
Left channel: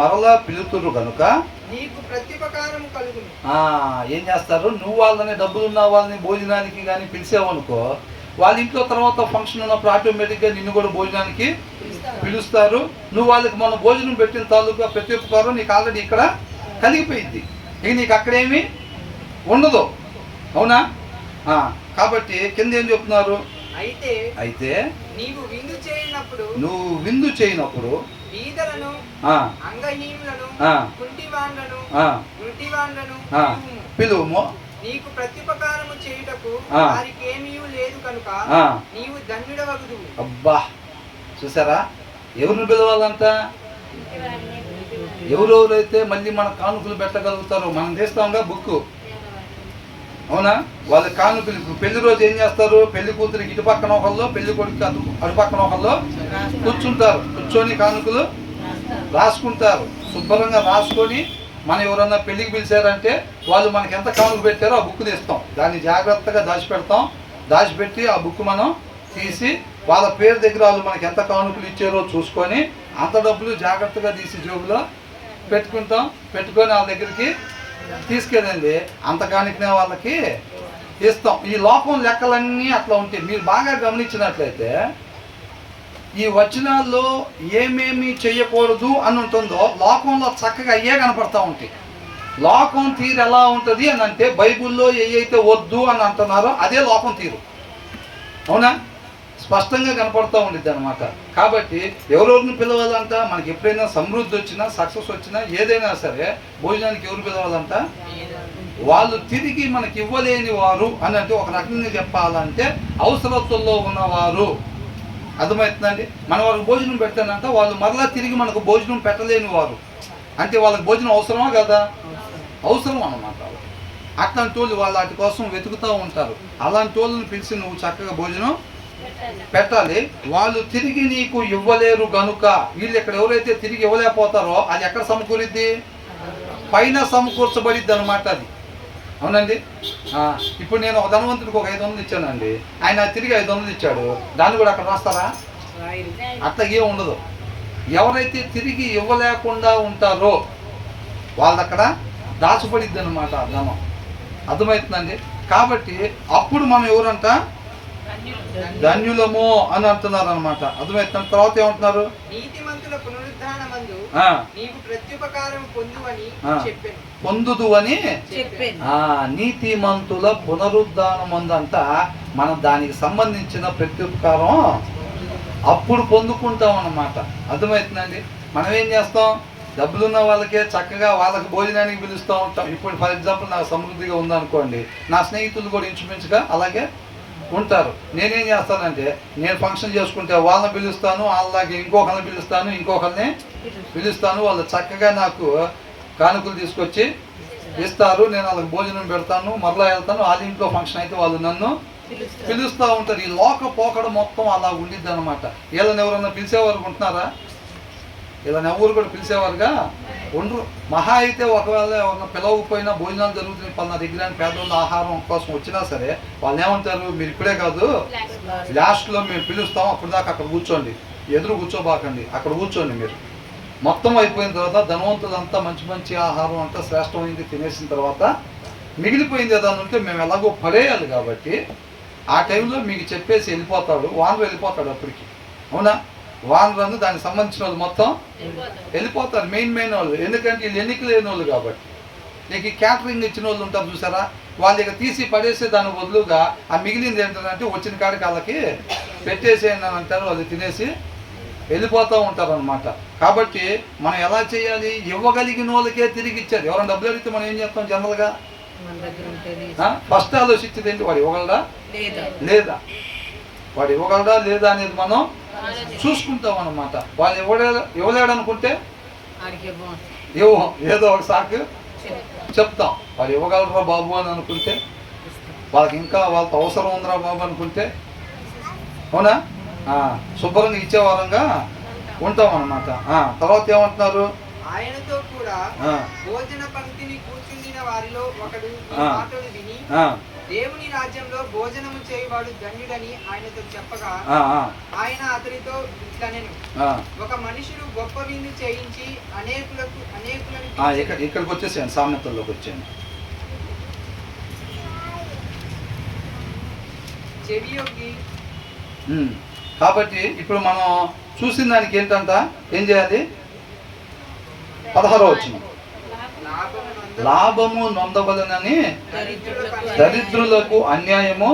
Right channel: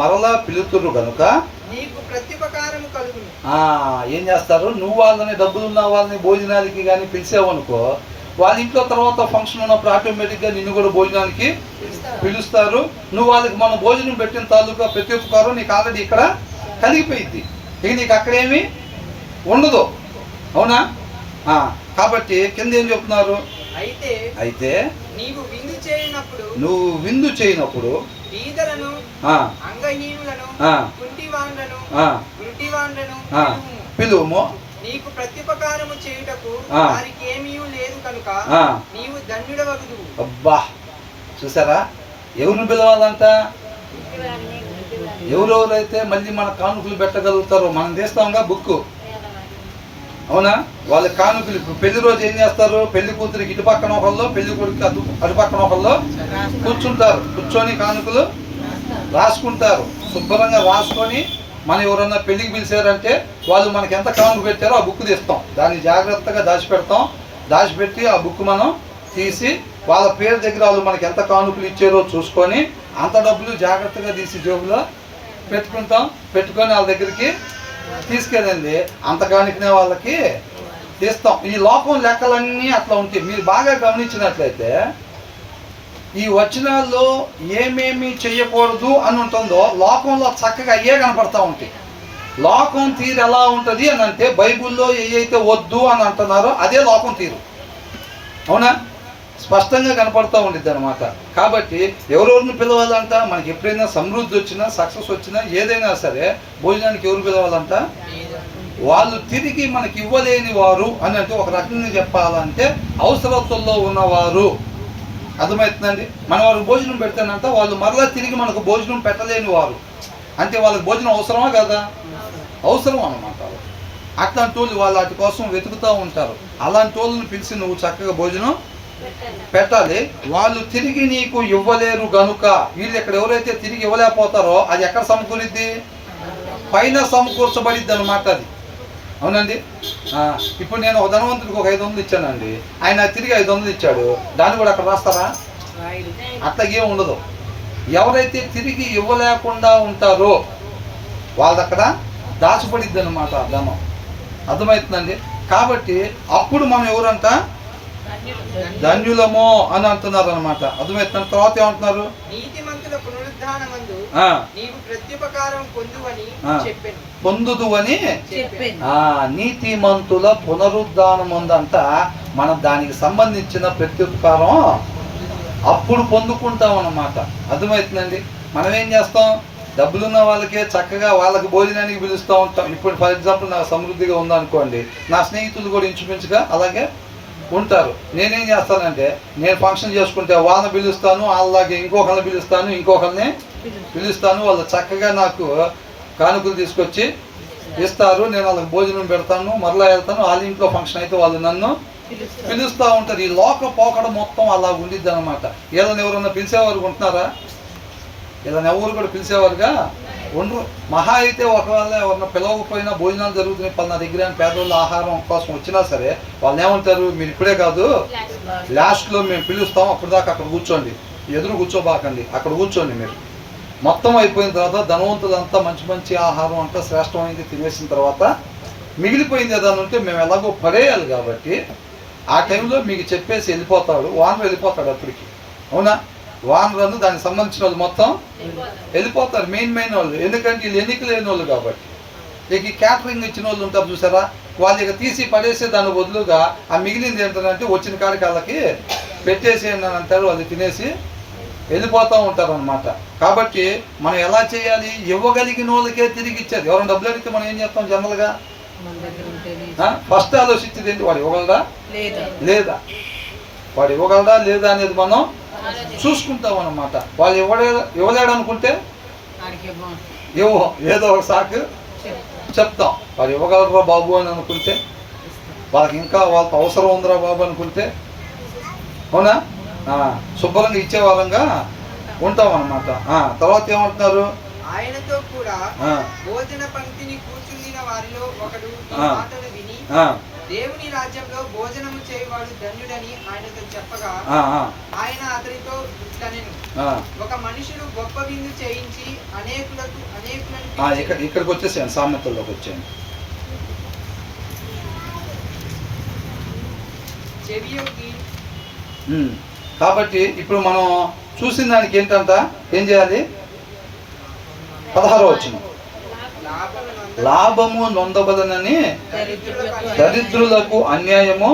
మరలా పిలుతురు గనుక నీకు ప్రత్యుపకారము కలుగును. ఏం చేస్తారు? నువ్వు వాళ్ళని డబ్బులు ఉన్న వాళ్ళని భోజనానికి కానీ పిలిచావనుకో, వాళ్ళ ఇంట్లో తర్వాత ఫంక్షన్ ఉన్నప్పుడు ఆటోమేటిక్గా నిన్ను కూడా భోజనానికి పిలుస్తారు. నువ్వు వాళ్ళకి మనం భోజనం పెట్టిన తాలూకా ప్రత్యుపకారం నీకు ఆల్రెడీ ఇక్కడ కలిగిపోయింది. ఇక నీకు అక్కడేమీ ఉండదు. అవునా? కాబట్టి కింద ఏం చెప్తున్నారు? అయితే నువ్వు విందు చేయనప్పుడు బీదలను, అంగహీనులను, కుంటివాండ్లను, గుడ్డివాండ్లను పిలువుము. నీకు ప్రత్యుపకారము చేయుటకు వారికి ఏమీ లేదు కనుక నీవు ధన్యుడవగుదువు. అబ్బా, చూసారా? ఎవరిని పిలవాలంట? ఎవరెవరైతే మళ్ళీ మన కానుకలు పెట్టగలుగుతారో. మనం తీస్తాంగా బుక్. అవునా? వాళ్ళ కానుకలు ఇప్పుడు పెళ్లి రోజు ఏం చేస్తారు? పెళ్లి కూతురికి ఇటు పక్కన ఒకళ్ళు, పెళ్లి కొడుకు అటు పక్కన ఒకళ్ళు కూర్చుంటారు. కూర్చొని కానుకలు రాసుకుంటారు. శుభ్రంగా రాసుకొని మనం ఎవరన్నా పెళ్లికి పిలిచారంటే వాళ్ళు మనకి ఎంత కానుక పెట్టారో ఆ బుక్ తీస్తాం. దాన్ని జాగ్రత్తగా దాచిపెడతాం. దాచిపెట్టి ఆ బుక్ మనం తీసి వాళ్ళ పేరు దగ్గర వాళ్ళు మనకి ఎంత కానుకలు ఇచ్చారో చూసుకొని అంత డబ్బులు జాగ్రత్తగా తీసి జేబులో పెట్టుకుంటాం. పెట్టుకొని వాళ్ళ దగ్గరికి తీసుకెళ్ళండి. అంత కానుకనే వాళ్ళకి తీస్తాం. ఈ లోకం లెక్కలన్నీ అట్లా ఉంటాయి. మీరు బాగా గమనించినట్లయితే ఈ వచనాల్లో ఏమేమి చెయ్యకూడదు అని ఉంటుందో లోకంలో చక్కగా అయ్యే కనపడతా ఉంటాయి. లోకం తీరు ఎలా ఉంటుంది అని అంటే బైబిల్లో ఏవైతే వద్దు అని అంటున్నారో అదే లోకం తీరు. అవునా? స్పష్టంగా కనపడుతూ ఉండిద్ది అనమాట. కాబట్టి ఎవరెవరిని పిలవాలంట? మనకి ఎప్పుడైనా సమృద్ధి వచ్చినా, సక్సెస్ వచ్చినా, ఏదైనా సరే భోజనానికి ఎవరు పిలవాలంట? వాళ్ళు తిరిగి మనకి ఇవ్వలేని వారు అని అంటే ఒక రకంగా చెప్పాలంటే అవసరతుల్లో ఉన్నవారు. అర్థమవుతుందండి? మన వాళ్ళకి భోజనం పెడతానంట వాళ్ళు మరలా తిరిగి మనకు భోజనం పెట్టలేని వారు. అంటే వాళ్ళకి భోజనం అవసరమా కదా? అవసరం అన్నమాట. అట్లాంటి వాళ్ళు వాటి కోసం వెతుకుతూ ఉంటారు. అలాంటి వాళ్ళని పిలిచి నువ్వు చక్కగా భోజనం పెట్టాలి. వాళ్ళు తిరిగి నీకు ఇవ్వలేరు గనుక, వీళ్ళు ఇక్కడ ఎవరైతే తిరిగి ఇవ్వలేకపోతారో అది ఎక్కడ సమకూరిద్ది? పైన సమకూర్చబడిద్ది అనమాట అది. అవునండి? ఇప్పుడు నేను ఒక ధనవంతుడికి ఒక 500 ఇచ్చానండి. ఆయన తిరిగి 500 ఇచ్చాడు. దాన్ని కూడా అక్కడ రాస్తారా? అట్లాగే ఉండదు. ఎవరైతే తిరిగి ఇవ్వలేకుండా ఉంటారో వాళ్ళక్కడ దాచబడిద్ది అనమాట ధనం. అర్థమవుతుందండి? కాబట్టి అప్పుడు మనం ఎవరంట ధన్యులము అని అంటున్నారు అనమాట. అర్థమవుతుంది? తర్వాత ఏమంటున్నారు? నీతిమంతుల పునరుద్ధానమందు నీవు ప్రత్యుపకారం పొందువని చెప్పాను. పొందుదు అని నీతిమంతుల పునరుద్ధానమందంట మనం దానికి సంబంధించిన ప్రత్యుపకారం అప్పుడు పొందుకుంటాం అన్నమాట. అర్థమవుతుందండి? మనం ఏం చేస్తాం? డబ్బులున్న వాళ్ళకే చక్కగా వాళ్ళకి భోజనానికి పిలుస్తూ ఉంటాం. ఇప్పుడు ఫర్ ఎగ్జాంపుల్ నాకు సమృద్ధిగా ఉందనుకోండి, నా స్నేహితులు కూడా ఇంచుమించుగా అలాగే ఉంటారు. నేనేం చేస్తానంటే, నేను ఫంక్షన్ చేసుకుంటే వాళ్ళని పిలుస్తాను, అలాగే ఇంకొకరిని పిలుస్తాను, పిలుస్తాను. వాళ్ళు చక్కగా నాకు కానుకలు తీసుకొచ్చి ఇస్తారు. నేను వాళ్ళకి భోజనం పెడతాను, మరలా వెళ్తాను. వాళ్ళ ఇంట్లో ఫంక్షన్ అయితే వాళ్ళు నన్ను పిలుస్తూ ఉంటారు. ఈ లోక పోకడ మొత్తం అలా ఉండిద్ది అనమాట. వీళ్ళని ఎవరన్నా పిలిచేవారు ఉంటున్నారా? వీళ్ళని ఎవరు కూడా పిలిచేవారుగా ఉండరు. మహా అయితే ఒకవేళ ఎవరన్నా పిలవకపోయినా భోజనాలు జరుగుతున్నాయి పలానా దగ్గర అని పేదవాళ్ళ ఆహారం కోసం వచ్చినా సరే వాళ్ళు ఏమంటారు, మీరు ఇప్పుడే కాదు లాస్ట్లో మేము పిలుస్తాం, అప్పుడు దాకా అక్కడ కూర్చోండి, ఎదురు కూర్చోబాకండి, అక్కడ కూర్చోండి. మీరు మొత్తం అయిపోయిన తర్వాత ధనవంతులంతా మంచి మంచి ఆహారం అంతా శ్రేష్టమైంది తినేసిన తర్వాత మిగిలిపోయింది ఏదైనా ఉంటే మేము ఎలాగో పడేయాలి కాబట్టి ఆ టైంలో మీకు చెప్పేసి వెళ్ళిపోతాడు, వానరు వెళ్ళిపోతాడు అప్పటికి. అవునా? వానరు దానికి సంబంధించిన వాళ్ళు మొత్తం వెళ్ళిపోతారు, మెయిన్ వాళ్ళు. ఎందుకంటే వీళ్ళు ఎన్నిక లేని వాళ్ళు కాబట్టి. ఇక క్యాటరింగ్ ఇచ్చిన వాళ్ళు ఉంటారు చూసారా, వాళ్ళు ఇక తీసి పడేసే దాని బదులుగా ఆ మిగిలింది ఏంటంటే వచ్చిన కాడికి వాళ్ళకి పెట్టేసేయండి అని అంటారు. వాళ్ళు తినేసి వెళ్ళిపోతూ ఉంటారు అనమాట. కాబట్టి మనం ఎలా చేయాలి? ఇవ్వగలిగిన వాళ్ళకే తిరిగి ఇచ్చేది. ఎవరైనా డబ్బులు అడిగితే మనం ఏం చేస్తాం జనరల్గా? ఫస్ట్ ఆలోచించేది ఏంటి? వాడు ఇవ్వగలరా లేదా, వాడు ఇవ్వగలరా లేదా అనేది మనం చూసుకుంటాం అన్నమాట. వాళ్ళు ఇవ్వలేడు అనుకుంటే ఏదో ఒక సాకు చెప్తాం. వాడు ఇవ్వగలరా బాబు అని అనుకుంటే, వాళ్ళకి ఇంకా వాళ్ళకి అవసరం ఉందిరా బాబు అనుకుంటే, అవునా, శుభ్రంగా ఇచ్చే వారంగా ఉంటాం అన్నమాట. తర్వాత ఏమంటున్నారు? ఆయనతో కూడా భోజన పంక్తిని కూర్చుండిన వారిలో ఒకడు మాటలు విని దేవుని రాజ్యంలో భోజనము చేయవాడు ధన్యుడని ఆయనతో చెప్పగా ఆయన అతనితో ఇట్లనెను, ఒక మనుషుడు గొప్ప విందు చేయించి ఇక్కడికి వచ్చేసాను, సామెతల్లోకి వచ్చాను. చెవియొగ్గి. కాబట్టి ఇప్పుడు మనం చూసిన దానికి ఏంటంట, ఏం చేయాలి? 16వ వచనం, లాభము నొందబలనని దరిద్రులకు అన్యాయము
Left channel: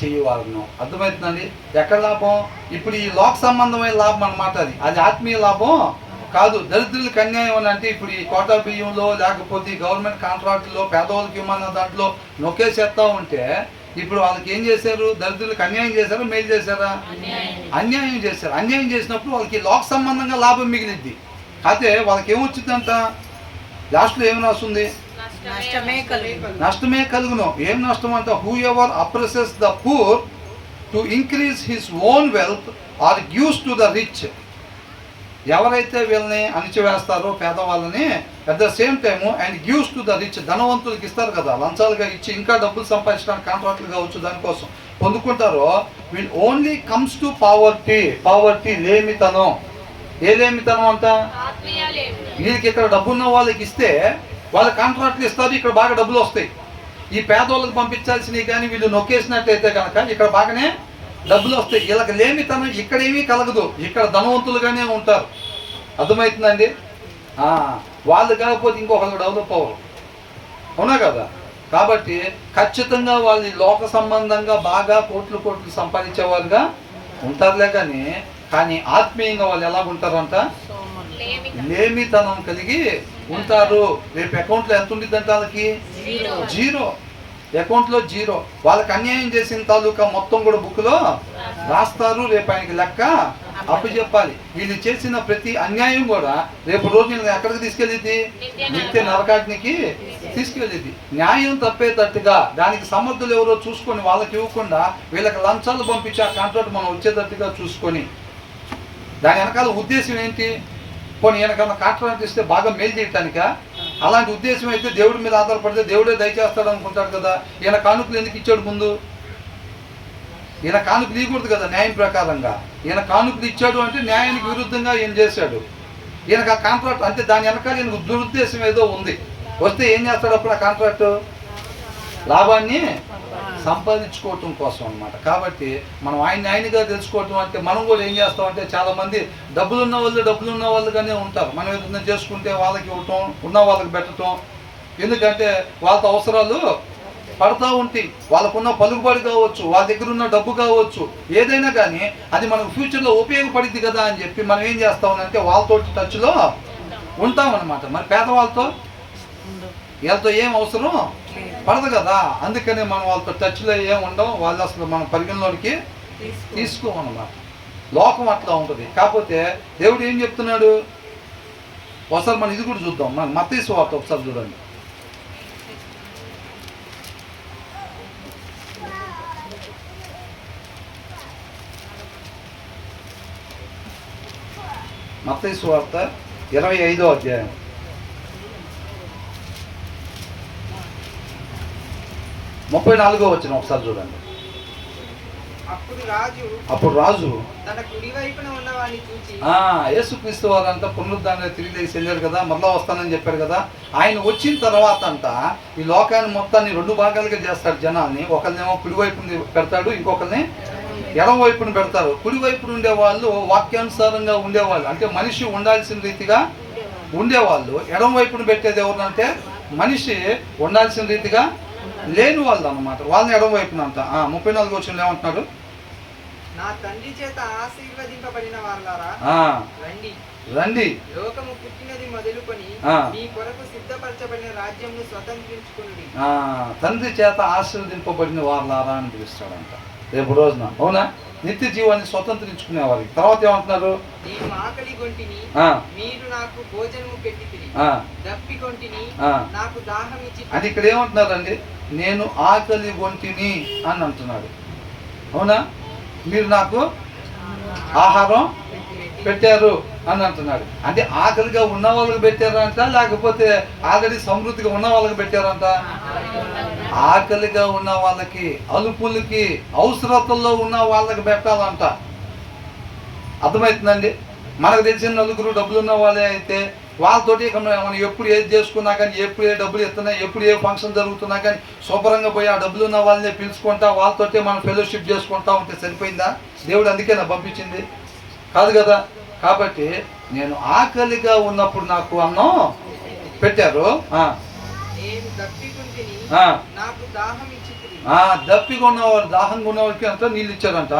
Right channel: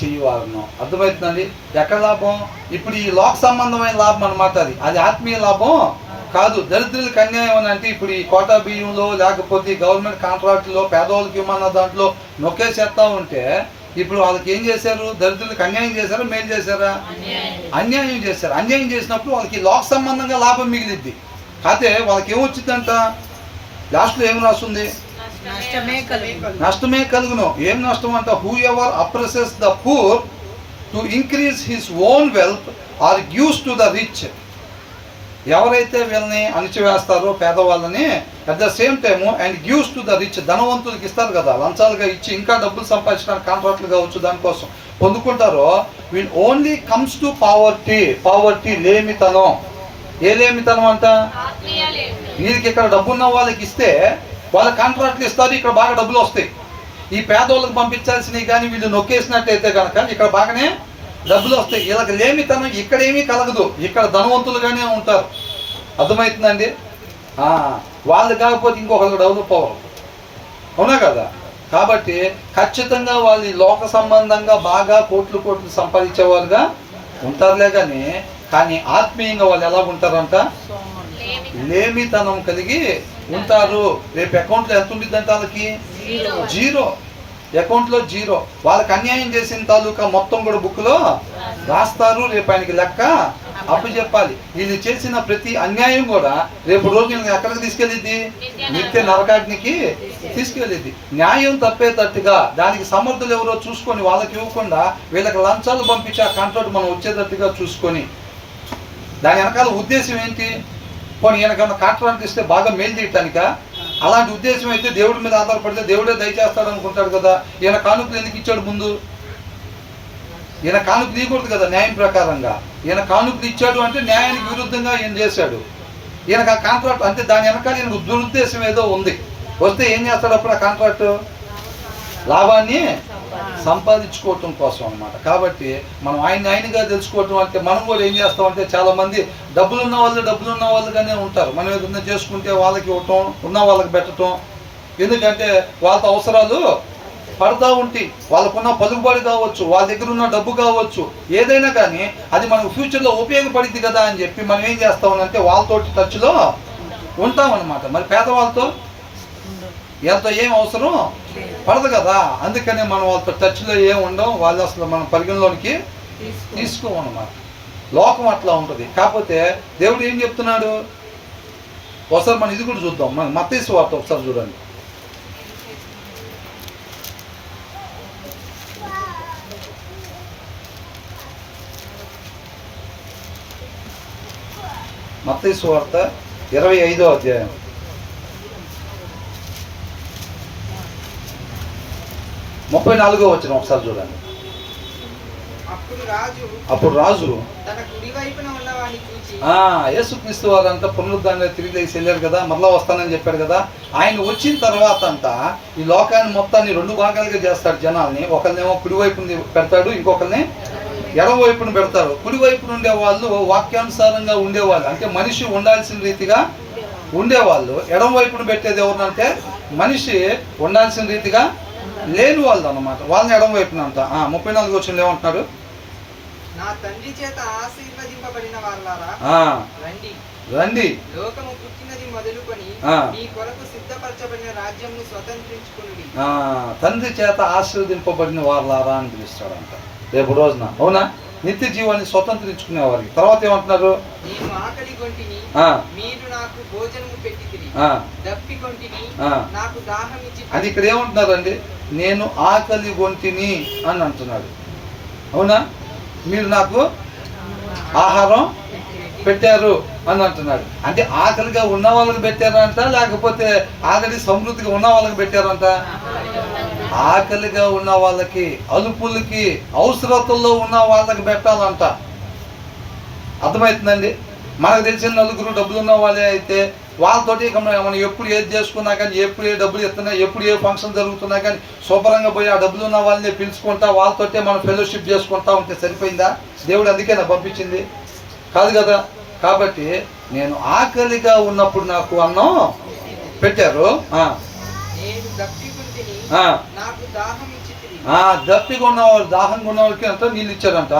చేయవాలను. అర్థమవుతుందండి? ఎక్కడ లాభం? ఇప్పుడు ఈ లోక సంబంధమైన లాభం అన్నమాట. అది ఆత్మీయ లాభం కాదు. దరిద్రులకు అన్యాయం అని అంటే ఇప్పుడు ఈ కోటా బియ్యంలో లేకపోతే గవర్నమెంట్ కాంట్రాక్టులో పేదవాళ్ళకి ఇమ్మన్న దాంట్లో నొక్కేసేస్తా ఉంటే ఇప్పుడు వాళ్ళకి ఏం చేశారు? దరిద్రులకు అన్యాయం చేశారా, మేలు చేశారా? అన్యాయం చేశారు. అన్యాయం చేసినప్పుడు వాళ్ళకి లోక సంబంధంగా లాభం మిగిలిద్ది. అయితే వాళ్ళకి ఏమొచ్చిందంట? లాస్ట్లో ఏం రాస్తుంది? నష్టమే కలుగును. ఏం నష్టం అంట? Whoever oppresses the poor to increase his own wealth or gives to the rich. ఎవరైతే వీళ్ళని అణిచివేస్తారో పేదవాళ్ళని, at the same time and gives to the rich, ధనవంతులకు ఇస్తారు కదా, లంచాలుగా ఇచ్చి ఇంకా డబ్బులు సంపాదించడానికి కాంట్రాక్టులు కావచ్చు దానికోసం పొందుకుంటారో, వీళ్ళు ఓన్లీ కమ్స్ టు పావర్టీ, లేమితనం. ఏ లేమితనం అంట? వీళ్ళకి ఇక్కడ డబ్బున్న వాళ్ళకి ఇస్తే వాళ్ళ కాంట్రాక్ట్లు ఇస్తారు, ఇక్కడ బాగా డబ్బులు వస్తాయి. ఈ పేదోళ్ళకి పంపించాల్సినవి కానీ వీళ్ళు నొక్కేసినట్టయితే కనుక ఇక్కడ బాగానే డబ్బులు వస్తాయి. వీళ్ళకి లేమితనం ఇక్కడ ఏమీ కలగదు, ఇక్కడ ధనవంతులుగానే ఉంటారు. అర్థమవుతుందండి? వాళ్ళు కాకపోతే ఇంకొకరికి డెవలప్ అవ్వరు. అవునా కదా? కాబట్టి ఖచ్చితంగా వాళ్ళు లోక సంబంధంగా బాగా కోట్లు సంపాదించేవారుగా ఉంటారులే కానీ ఆత్మీయంగా వాళ్ళు ఎలా ఉంటారంట? లేమితనం కలిగి ఉంటారు. రేపు అకౌంట్లో ఎంత ఉండిద్దంట? వాళ్ళకి జీరో. అకౌంట్లో జీరో. వాళ్ళకి అన్యాయం చేసిన తాలూకా మొత్తం కూడా బుక్లో రాస్తారు. రేపు ఆయనకి లెక్క అప్పచెప్పాలి. వీళ్ళు చేసిన ప్రతి అన్యాయం కూడా రేపు రోజు ఎక్కడికి తీసుకెళ్ళిద్ది? నిత్య నరకాగ్నికి తీసుకెళ్ళిద్ది. న్యాయం తప్పేటట్టుగా దానికి సమర్థులు ఎవరో చూసుకొని వాళ్ళకి ఇవ్వకుండా వీళ్ళకి లంచాలు పంపించి ఆ కాంట్రాక్ట్ మనం వచ్చేటట్టుగా చూసుకొని, దాని వెనకాల ఉద్దేశం ఏంటి? పోనీ ఈయనకన్నా కాంట్రాక్ట్ ఇస్తే బాగా మేలు చేయటానిక? అలాంటి ఉద్దేశం అయితే దేవుడి మీద ఆధారపడితే దేవుడే దయచేస్తాడు అనుకుంటాడు కదా. ఈయన కానుకలు ఎందుకు ఇచ్చాడు ముందు? ఈయన కానుకలు ఇవ్వకూడదు కదా న్యాయం ప్రకారంగా. ఈయన కానుకలు ఇచ్చాడు అంటే న్యాయానికి విరుద్ధంగా ఈయన చేశాడు. ఈయనకు ఆ కాంట్రాక్ట్ అంటే దాని వెనకాల ఈయనకు దురుద్దేశం ఏదో ఉంది. వస్తే ఏం చేస్తాడు అప్పుడు ఆ కాంట్రాక్ట్? లాభాన్ని సంపాదించుకోవటం కోసం అన్నమాట. కాబట్టి మనం ఆయనగా తెలుసుకోవటం అంటే మనం కూడా ఏం చేస్తామంటే చాలామంది డబ్బులు ఉన్న వాళ్ళుగానే ఉంటారు. మనం ఏదైనా చేసుకుంటే వాళ్ళకి ఇవ్వటం, ఉన్న వాళ్ళకి పెట్టడం. ఎందుకంటే వాళ్ళతో అవసరాలు పడతా ఉంటాయి. వాళ్ళకున్న పలుకుబడి కావచ్చు, వాళ్ళ దగ్గర ఉన్న డబ్బు కావచ్చు, ఏదైనా కానీ అది మనకు ఫ్యూచర్లో ఉపయోగపడింది కదా అని చెప్పి మనం ఏం చేస్తామనంటే వాళ్ళతో టచ్లో ఉంటామన్నమాట. మరి పేదవాళ్ళతో వీళ్ళతో ఏం అవసరం పడదు కదా. అందుకనే మనం వాళ్ళతో టచ్లో ఏం ఉండవు, వాళ్ళు అసలు మనం పరిగణలోనికి తీసుకోమన్నమాట. లోకం అట్లా ఉంటుంది. కాకపోతే దేవుడు ఏం చెప్తున్నాడు ఒకసారి మనం ఇది కూడా చూద్దాం. మన మత్తయి సువార్త ఒకసారి చూడండి. మత్తయి సువార్త 25వ అధ్యాయం 34వ వచనం ఒకసారి చూడండి. అప్పుడు రాజు తన కుడి వైపున ఉన్నవాడిని చూచి, యేసుక్రీస్తు వారంతా పునరుద్ధానంలో తిరిగి లేచి వెళ్ళారు కదా, మరలా వస్తానని చెప్పారు కదా. ఆయన వచ్చిన తర్వాత అంతా ఈ లోకాన్ని మొత్తాన్ని 2 భాగాలుగా చేస్తాడు జనాల్ని. ఒకరినేమో కుడి వైపుని పెడతాడు, ఇంకొకరిని ఎడమ వైపున పెడతారు. కుడి వైపున ఉండేవాళ్ళు వాక్యానుసారంగా ఉండేవాళ్ళు, అంటే మనిషి ఉండాల్సిన రీతిగా ఉండేవాళ్ళు. ఎడమ వైపున పెట్టేది ఎవరినంటే మనిషి ఉండాల్సిన రీతిగా లేని వాళ్ళు అన్నమాట. వాళ్ళని ఎడమ వైపున అంట. 34 వచనంలో ఏమంటున్నారు? నా తండ్రి చేత ఆశీర్వదింపబడిన వాళ్ళారా, రండి, లోకము పుట్టినది మొదలుకొని మీ కొరకు సిద్ధపరచబడిన రాజ్యంను స్వతంత్రించుకునుడి. తండ్రి చేత ఆశీర్వదింపబడిన వాళ్ళారా అని పిలుస్తాడంట రేపు రోజున. అవునా? నిత్య జీవాన్ని స్వతంత్రించుకునే వారికి. తర్వాత ఏమంటున్నారు? నేను ఆకలి గొంటిని, మీరు నాకు భోజనము పెట్టితిరి, దప్పి గొంటిని, నాకు దాహం ఇచ్చి. అది ఇక్కడ ఏమంటున్నారండి? నేను ఆకలి గొంటిని అని అంటున్నాడు. అవునా? మీరు నాకు ఆహారం పెట్టారు అని అంటున్నాడు. అంటే ఆకలిగా ఉన్న వాళ్ళకి పెట్టారంట, లేకపోతే ఆల్రెడీ సమృద్ధిగా ఉన్న వాళ్ళకి పెట్టారంట? ఆకలిగా ఉన్న వాళ్ళకి, అలుపులకి, అవసరతల్లో ఉన్న వాళ్ళకి పెట్టాలంట. అర్థమవుతుందండి? మనకు తెలిసిన నలుగురు డబ్బులు ఉన్న వాళ్ళే అయితే వాళ్ళతోటి ఇక మనం ఎప్పుడు ఏది చేసుకున్నా కానీ, ఎప్పుడు ఏ డబ్బులు ఇస్తున్నా, ఎప్పుడు ఏ ఫంక్షన్ జరుగుతున్నా కానీ శుభ్రంగా పోయి ఆ డబ్బులు ఉన్న వాళ్ళని పిలుచుకుంటా వాళ్ళతోటే మనం ఫెలోషిప్ చేసుకుంటా ఉంటే సరిపోయిందా? దేవుడు అందుకే నా పంపించింది కాదు కదా. కాబట్టి నేను ఆకలిగా ఉన్నప్పుడు నాకు అన్నం పెట్టారు. దప్పిగా ఉన్నవాళ్ళు, దాహంగా ఉన్న వాళ్ళకి అంతా నీళ్ళు ఇచ్చారంట.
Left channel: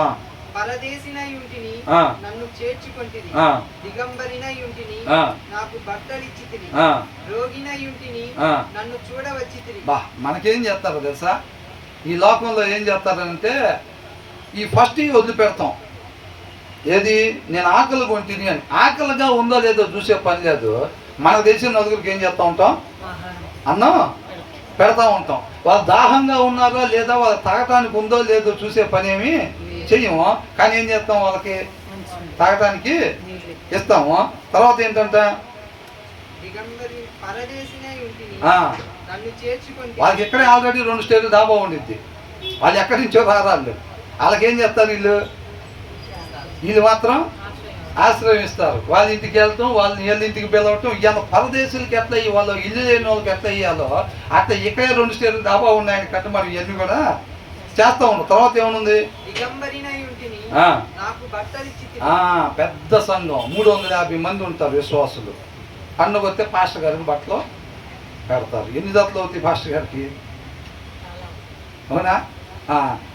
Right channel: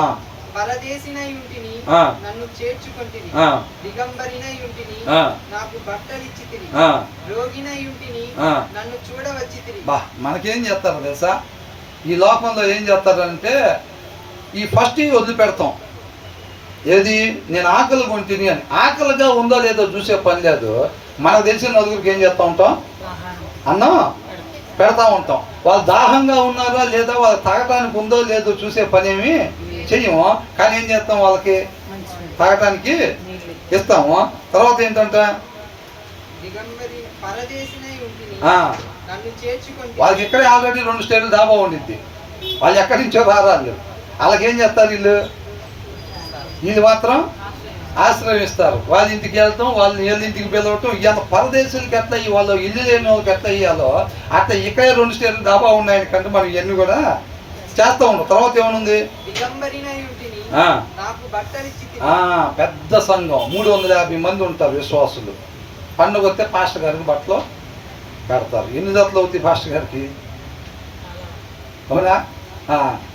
పరదేశినై ఉంటిని, నన్ను చేర్చుకొంటిని, దిగంబరినై ఉంటిని, నాకు బట్టలిచ్చితిరి, రోగినై ఉంటిని, నన్ను చూడవచ్చితిరి. మనకేం చేస్తారో తెలుసా? ఈ లోకంలో ఏం చేస్తారంటే ఈ ఫస్ట్ వదిలిపెడతాం. ఏది? నేను ఆకలి కొంటిని అని. ఆకలిగా ఉందో లేదో చూసే పని లేదు. మనకు తెలిసిన నలుగురికి ఏం చేస్తూ ఉంటాం? అన్నం పెడతా ఉంటాం. వాళ్ళు దాహంగా ఉన్నారా లేదా, వాళ్ళు తాగటానికి ఉందో లేదో చూసే పని ఏమి చెయ్యము. కానీ ఏం చేస్తాం? వాళ్ళకి తాగటానికి ఇస్తాము. తర్వాత ఏంటంట? వాళ్ళకి ఇక్కడే ఆల్రెడీ 2 స్టేట్లు దాబా ఉండిద్ది. వాళ్ళు ఎక్కడి నుంచో రారాళ్ళు. వాళ్ళకేం చేస్తారు? వీళ్ళు మాత్రం ఆశ్రయిస్తారు. వాళ్ళ ఇంటికి వెళ్తాం, వాళ్ళని వీళ్ళ ఇంటికి పిలవటం. ఇవాళ పరదేశులకి ఎట్లా వాళ్ళు ఇల్లు లేని వాళ్ళకి ఎట్లా ఇవ్వాలో అట్లా ఇక్కడే 2 స్టేట్లు దాబా ఉన్నాయని కంటే మనం ఇవన్నీ కూడా చేస్తా ఉంటాం. తర్వాత ఏమనుంది? పెద్ద సంఘం 350 మంది ఉంటారు విశ్వాసులు. పండుగ వస్తే పాస్టర్ గారికి బట్టలు పెడతారు. ఎన్ని జతలు అవుతాయి పాస్టర్ గారికి? అవునా?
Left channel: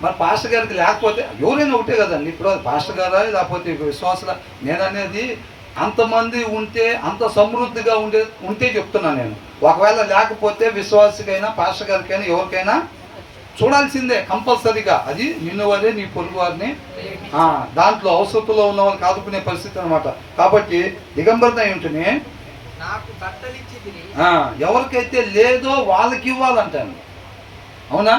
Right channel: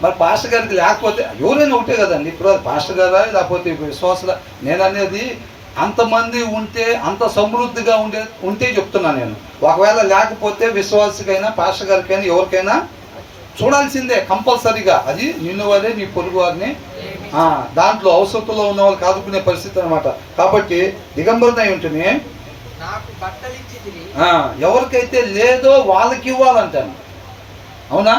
మరి పాస్టర్ గారికి లేకపోతే ఎవరైనా ఒకటే కదండి. ఇప్పుడు పాస్టర్ గారా లేకపోతే విశ్వాసులా? నేను అనేది అంతమంది ఉంటే, అంత సమృద్ధిగా ఉంటే చెప్తున్నాను నేను. ఒకవేళ లేకపోతే విశ్వాసికైనా, పాస్టర్ గారికైనా, ఎవరికైనా చూడాల్సిందే కంపల్సరీగా. అది నిన్ను వారే, నీ పొరుగు వారిని, దాంట్లో అవసరంలో ఉన్న వాళ్ళకి ఆదుకునే పరిస్థితి అనమాట. కాబట్టి దిగంబరనై ఉంటేనే ఎవరికైతే లేదో వాళ్ళకి ఇవ్వాలంటాను. అవునా?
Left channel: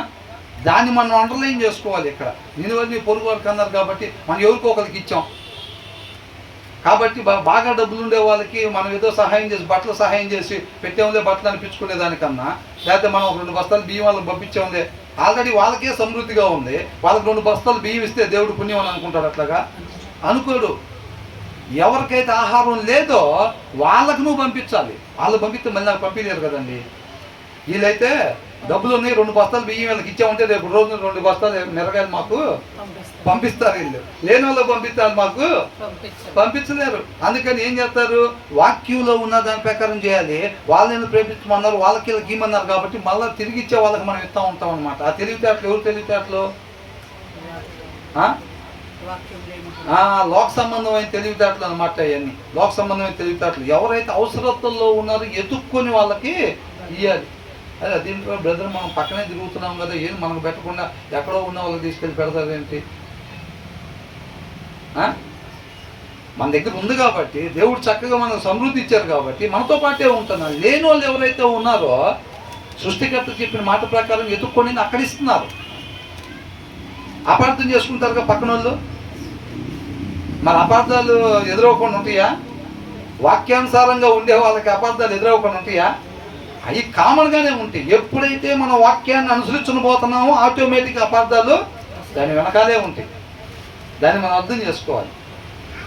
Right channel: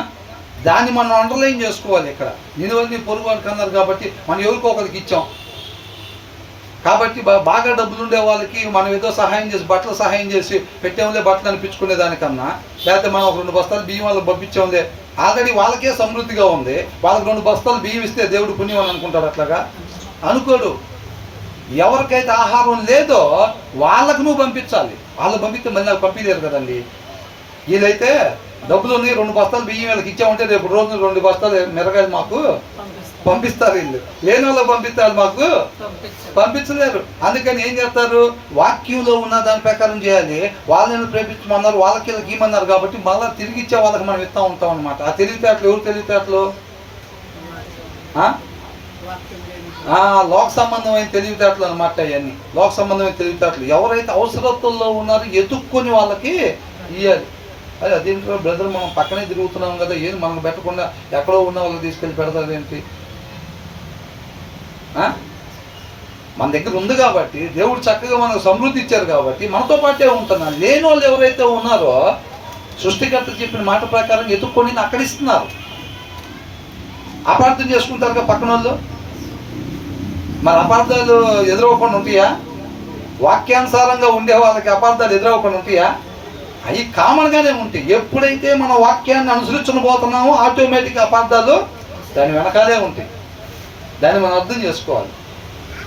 దాన్ని మనం అండర్లైన్ చేసుకోవాలి. ఇక్కడ నేను నీ పొరుగు వాళ్ళకి అన్నారు కాబట్టి మనం ఎవరికో ఒకరికి ఇచ్చాం. కాబట్టి బాగా డబ్బులు ఉండే వాళ్ళకి మనం ఏదో సహాయం చేసి, బట్టలు సహాయం చేసి పెట్టేముందే బట్టలు అనిపించుకునే దానికన్నా, లేకపోతే మనం ఒక 2 బస్తాలు బియ్యం వాళ్ళకి పంపించాములే, ఆల్రెడీ వాళ్ళకే సమృద్ధిగా ఉంది, వాళ్ళకి 2 బస్తాలు బియ్యం ఇస్తే దేవుడు పుణ్యం అని అనుకుంటారు. అట్లాగా అనుకోడు. ఎవరికైతే ఆహారం లేదో వాళ్ళకు నువ్వు పంపించాలి. వాళ్ళు పంపిస్తే మళ్ళీ నాకు పంపించలేరు కదండి. వీళ్ళైతే డబ్బులు ఉన్నాయి, 2 బస్తాలు బియ్యం వీళ్ళకి ఇచ్చామంటే రేపు రోజు 2 బస్తాలు మిరగాయలు మాకు పంపిస్తారు. వీళ్ళు లేని వాళ్ళకి పంపిస్తారు, మాకు పంపించలేరు. అందుకని ఏం చేస్తారు, వాక్యంలో ఉన్న దాని ప్రకారం చేయాలి. వాళ్ళని ప్రేమించమన్నారు, వాళ్ళకి గీమన్నారు కాబట్టి మళ్ళీ తిరిగి ఇచ్చే వాళ్ళకి మనం ఇస్తూ ఉంటాం అనమాట. ఆ తెలివితేటలు ఎవరు తెలివితేటలు? లోక సంబంధమైన తెలివితేటలు అనమాట. అవన్నీ లోక సంబంధమైన తెలివితేటలు. ఎవరైతే అవసరతల్లో ఉన్నారో ఎదుక్కొని వాళ్ళకి ఇవ్వాలి. అదే దీంట్లో బ్రదర్ మనం పక్కనే తిరుగుతున్నాం కదా, ఏం మనకు పెట్టకుండా ఎక్కడో ఉన్న వాళ్ళకి తీసుకెళ్ళి పెడతారు ఏంటి? మన దగ్గర ఉంది కాబట్టి, దేవుడు చక్కగా మనకు సమృద్ధి ఇచ్చారు కాబట్టి మనతో పాటే ఉంటున్నారు. లేని వాళ్ళు ఎవరైతే ఉన్నారో సృష్టికర్త చెప్పిన మాట ప్రకారం ఎదుక్కొని అక్కడ ఇస్తున్నారు. అపార్థం చేసుకుంటారుగా పక్కన వాళ్ళు. మన అపార్థాలు ఎదురవ్వకుండా ఉంటాయా? వాక్యానుసారంగా ఉండే వాళ్ళకి అపార్థాలు ఎదురవ్వకుండా ఉంటాయా? అవి కామన్గానే ఉంటాయి. ఎప్పుడైతే మన వాక్యాన్ని అనుసరించబోతున్నామో ఆటోమేటిక్ అపార్థాలు దాని వెనకాలే ఉంటాయి. దాన్ని మనం అర్థం చేసుకోవాలి.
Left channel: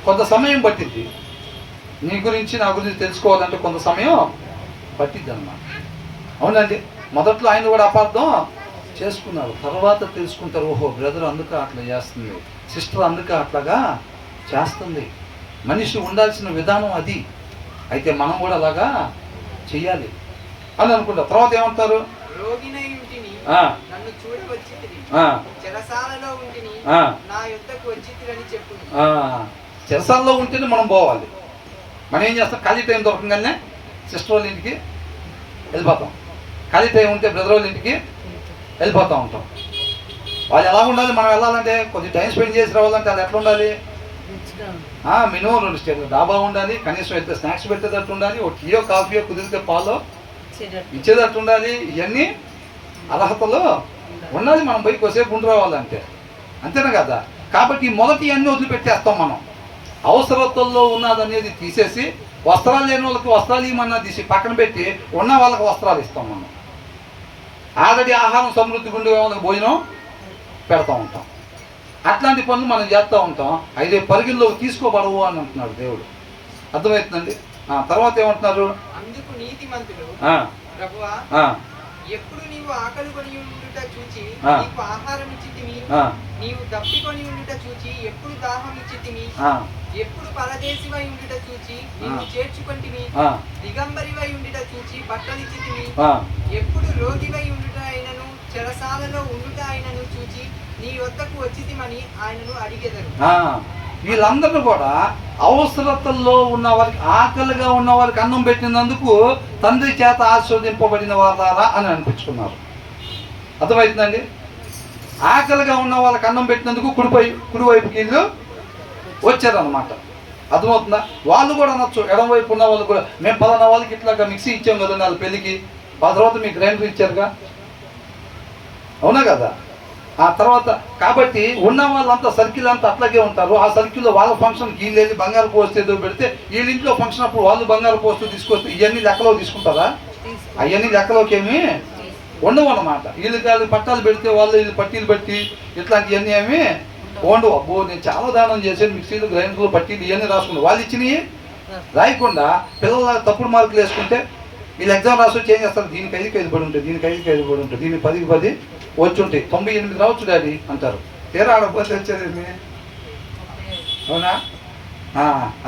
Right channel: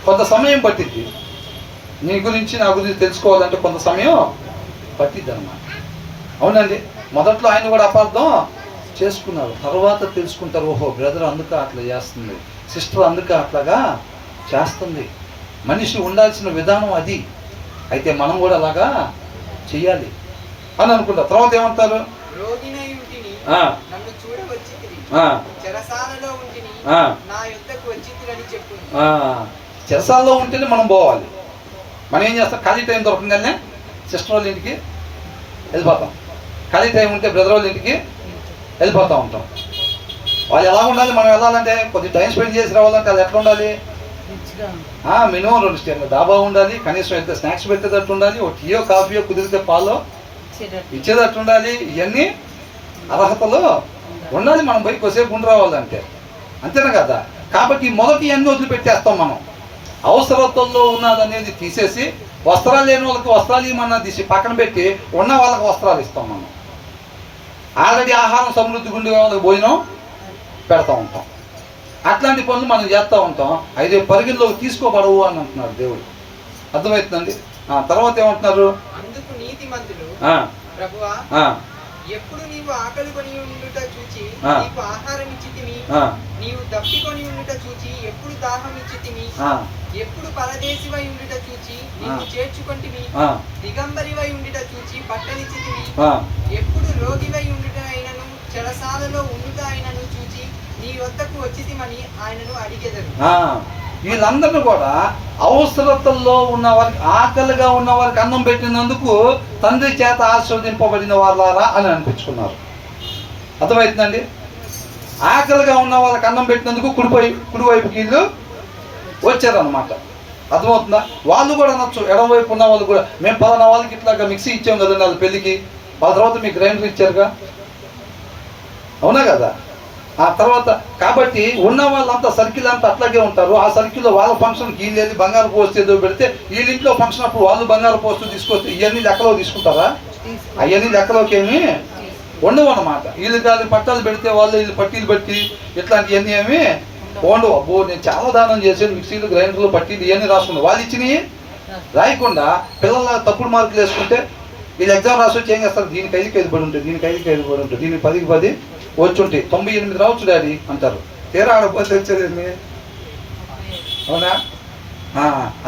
కొంత సమయం పట్టిద్ది. నీ గురించి నా గురించి తెలుసుకోవాలంటే కొంత సమయం పట్టిద్ది అన్నమాట. అవునండి, మొదట్లో ఆయన కూడా అపార్థం చేసుకున్నారు, తర్వాత తెలుసుకుంటారు. ఓహో, బ్రదర్ అందుక అట్లా చేస్తుంది, సిస్టర్ అందుక అట్లాగా చేస్తుంది. మనిషి ఉండాల్సిన విధానం అది. అయితే మనం కూడా అలాగా చెయ్యాలి అని అనుకుంటారు. తర్వాత ఏమంటారు, రోగినై ఉంటిని నన్ను చూడవచ్చితిరి, చెరసాలలో ఉంటిని నా యొద్దకు వచ్చితిరని చెప్పును. చెరసాలలో ఉంటేనే మనం పోవాలి. మనం ఏం చేస్తాం, ఖాళీ టైం దొరకగానే సిస్టర్ వాళ్ళ ఇంటికి వెళ్ళిపోతాం. ఖాళీ టైం ఉంటే బ్రదర్ వాళ్ళ ఇంటికి వెళ్ళిపోతూ ఉంటాం. వాళ్ళు ఎలా ఉండాలి, మనం వెళ్ళాలంటే కొద్దిగా టైం స్పెండ్ చేసి రావాలంటే అది ఎట్లా ఉండాలి? మినిమం 2 స్టేర్లు డాబా ఉండాలి, కనీసం అయితే స్నాక్స్ పెట్టేటట్టు ఉండాలి, ఒక టీయో కాఫీయో కుదిరితే పాలో ఇచ్చేటట్టు ఉండాలి. ఇవన్నీ అర్హతలు ఉండాలి. మనం బయటకు వచ్చేపు ఉండి రావాలంటే, అంతేనా కదా? కాబట్టి మొదటి ఇవన్నీ వదిలిపెట్టేస్తాం మనం. అవసరతల్లో ఉన్నదనేది తీసేసి వస్త్రాలు లేని వాళ్ళకి వస్త్రాలు ఇవ్వమన్నా తీసి పక్కన పెట్టి ఉన్న వాళ్ళకి వస్త్రాలు ఇస్తాం. మనం ఆల్రెడీ ఆహారం సమృద్ధి గుండె వాళ్ళకి భోజనం పెడతా ఉంటాం. అట్లాంటి పనులు మనం చేస్తూ ఉంటాం. అయితే పరిగణలోకి తీసుకోబడవు అని అంటున్నాడు దేవుడు. అర్థమవుతుందండి? తర్వాత ఏమంటున్నారు, అందుకు నీతిమంతుడు ప్రభువా ఎప్పుడు నీవు ఆకలి కొని ఉండుట చూచి నీకు ఆహారం ఇచ్చితిమి, నీవు దప్పికొని ఉండుట చూచి ఎప్పుడు దాహం ఇచ్చితిమి, ఎప్పుడు పరదేశివై ఉండుట చూచి నీవు చేర్చుకొంటిమి, దిగంబరివై ఉండుట చూచి బట్టలిచ్చితిమి, ఎప్పుడు రోగివై ఉండుట అయినను చెరసాలలో ఉండుట అయినను చూచి నీ వద్దకు వచ్చితిమని ఆయనను అడిగెదరు. వీళ్ళందరూ కూడా అవసరతల్లో ఉన్న వారికి, ఆకలిగా ఉన్న వారికి అన్నం పెట్టినందుకు తండ్రి చేత ఆశీర్వదింపబడిన వాళ్ళారా అని అనిపించుకున్నారు. అర్థమవుతుందండి? ఆకలిగా ఉన్న వాళ్ళకి అన్నం పెట్టినందుకు కుడివైపుకి వీళ్ళు వచ్చారనమాట. అర్థమవుతుందా? వాళ్ళు కూడా అనొచ్చు, ఎడమవైపు ఉన్న వాళ్ళు కూడా, మేము పలానా వాళ్ళకి ఇట్లాగా మిక్సీ ఇచ్చాం కదండి వాళ్ళ పెళ్ళికి, ఆ తర్వాత మీకు గ్రైండర్ ఇచ్చారుగా, అవునా కదా? ఆ తర్వాత కాబట్టి ఉన్న వాళ్ళంతా సర్కిల్ అంతా అట్లాగే ఉంటారు. ఆ సర్కిల్లో వాళ్ళ ఫంక్షన్కి వీళ్ళు వెళ్ళి బంగారు పోస్ట్ ఏదో పెడితే వీళ్ళ ఇంట్లో ఫంక్షన్ అప్పుడు వాళ్ళు బంగారు పోస్ట్ తీసుకొస్తే ఇవన్నీ లెక్కలో తీసుకుంటారా? అవన్నీ లెక్కలోకి ఏమి ఉండవు అన్నమాట. వీళ్ళు కాదు పట్టాలు పెడితే వాళ్ళు వీళ్ళు పట్టీలు పెట్టి ఇట్లాంటివన్నీ ఏమి ఉండవు. అబ్బో నేను చాలా దానం చేసాను, మిక్సీలు గ్రైండర్లు పట్టీలు ఇవన్నీ రాసుకున్నాను. వాళ్ళు ఇచ్చినవి రాయకుండా పిల్లల తప్పుడు మార్కులు వేసుకుంటే వీళ్ళు ఎగ్జామ్ రాసి వచ్చి ఏం చేస్తారు, దీనికి 5కి 5 పడి ఉంటుంది, దీనికి 5కి 5 పడి ఉంటుంది, దీనికి 10కి 10 వచ్చి ఉంటాయి, 98 రావచ్చు డాడీ అంటారు. తీరా ఆడపోతే వచ్చేదండి, అవునా?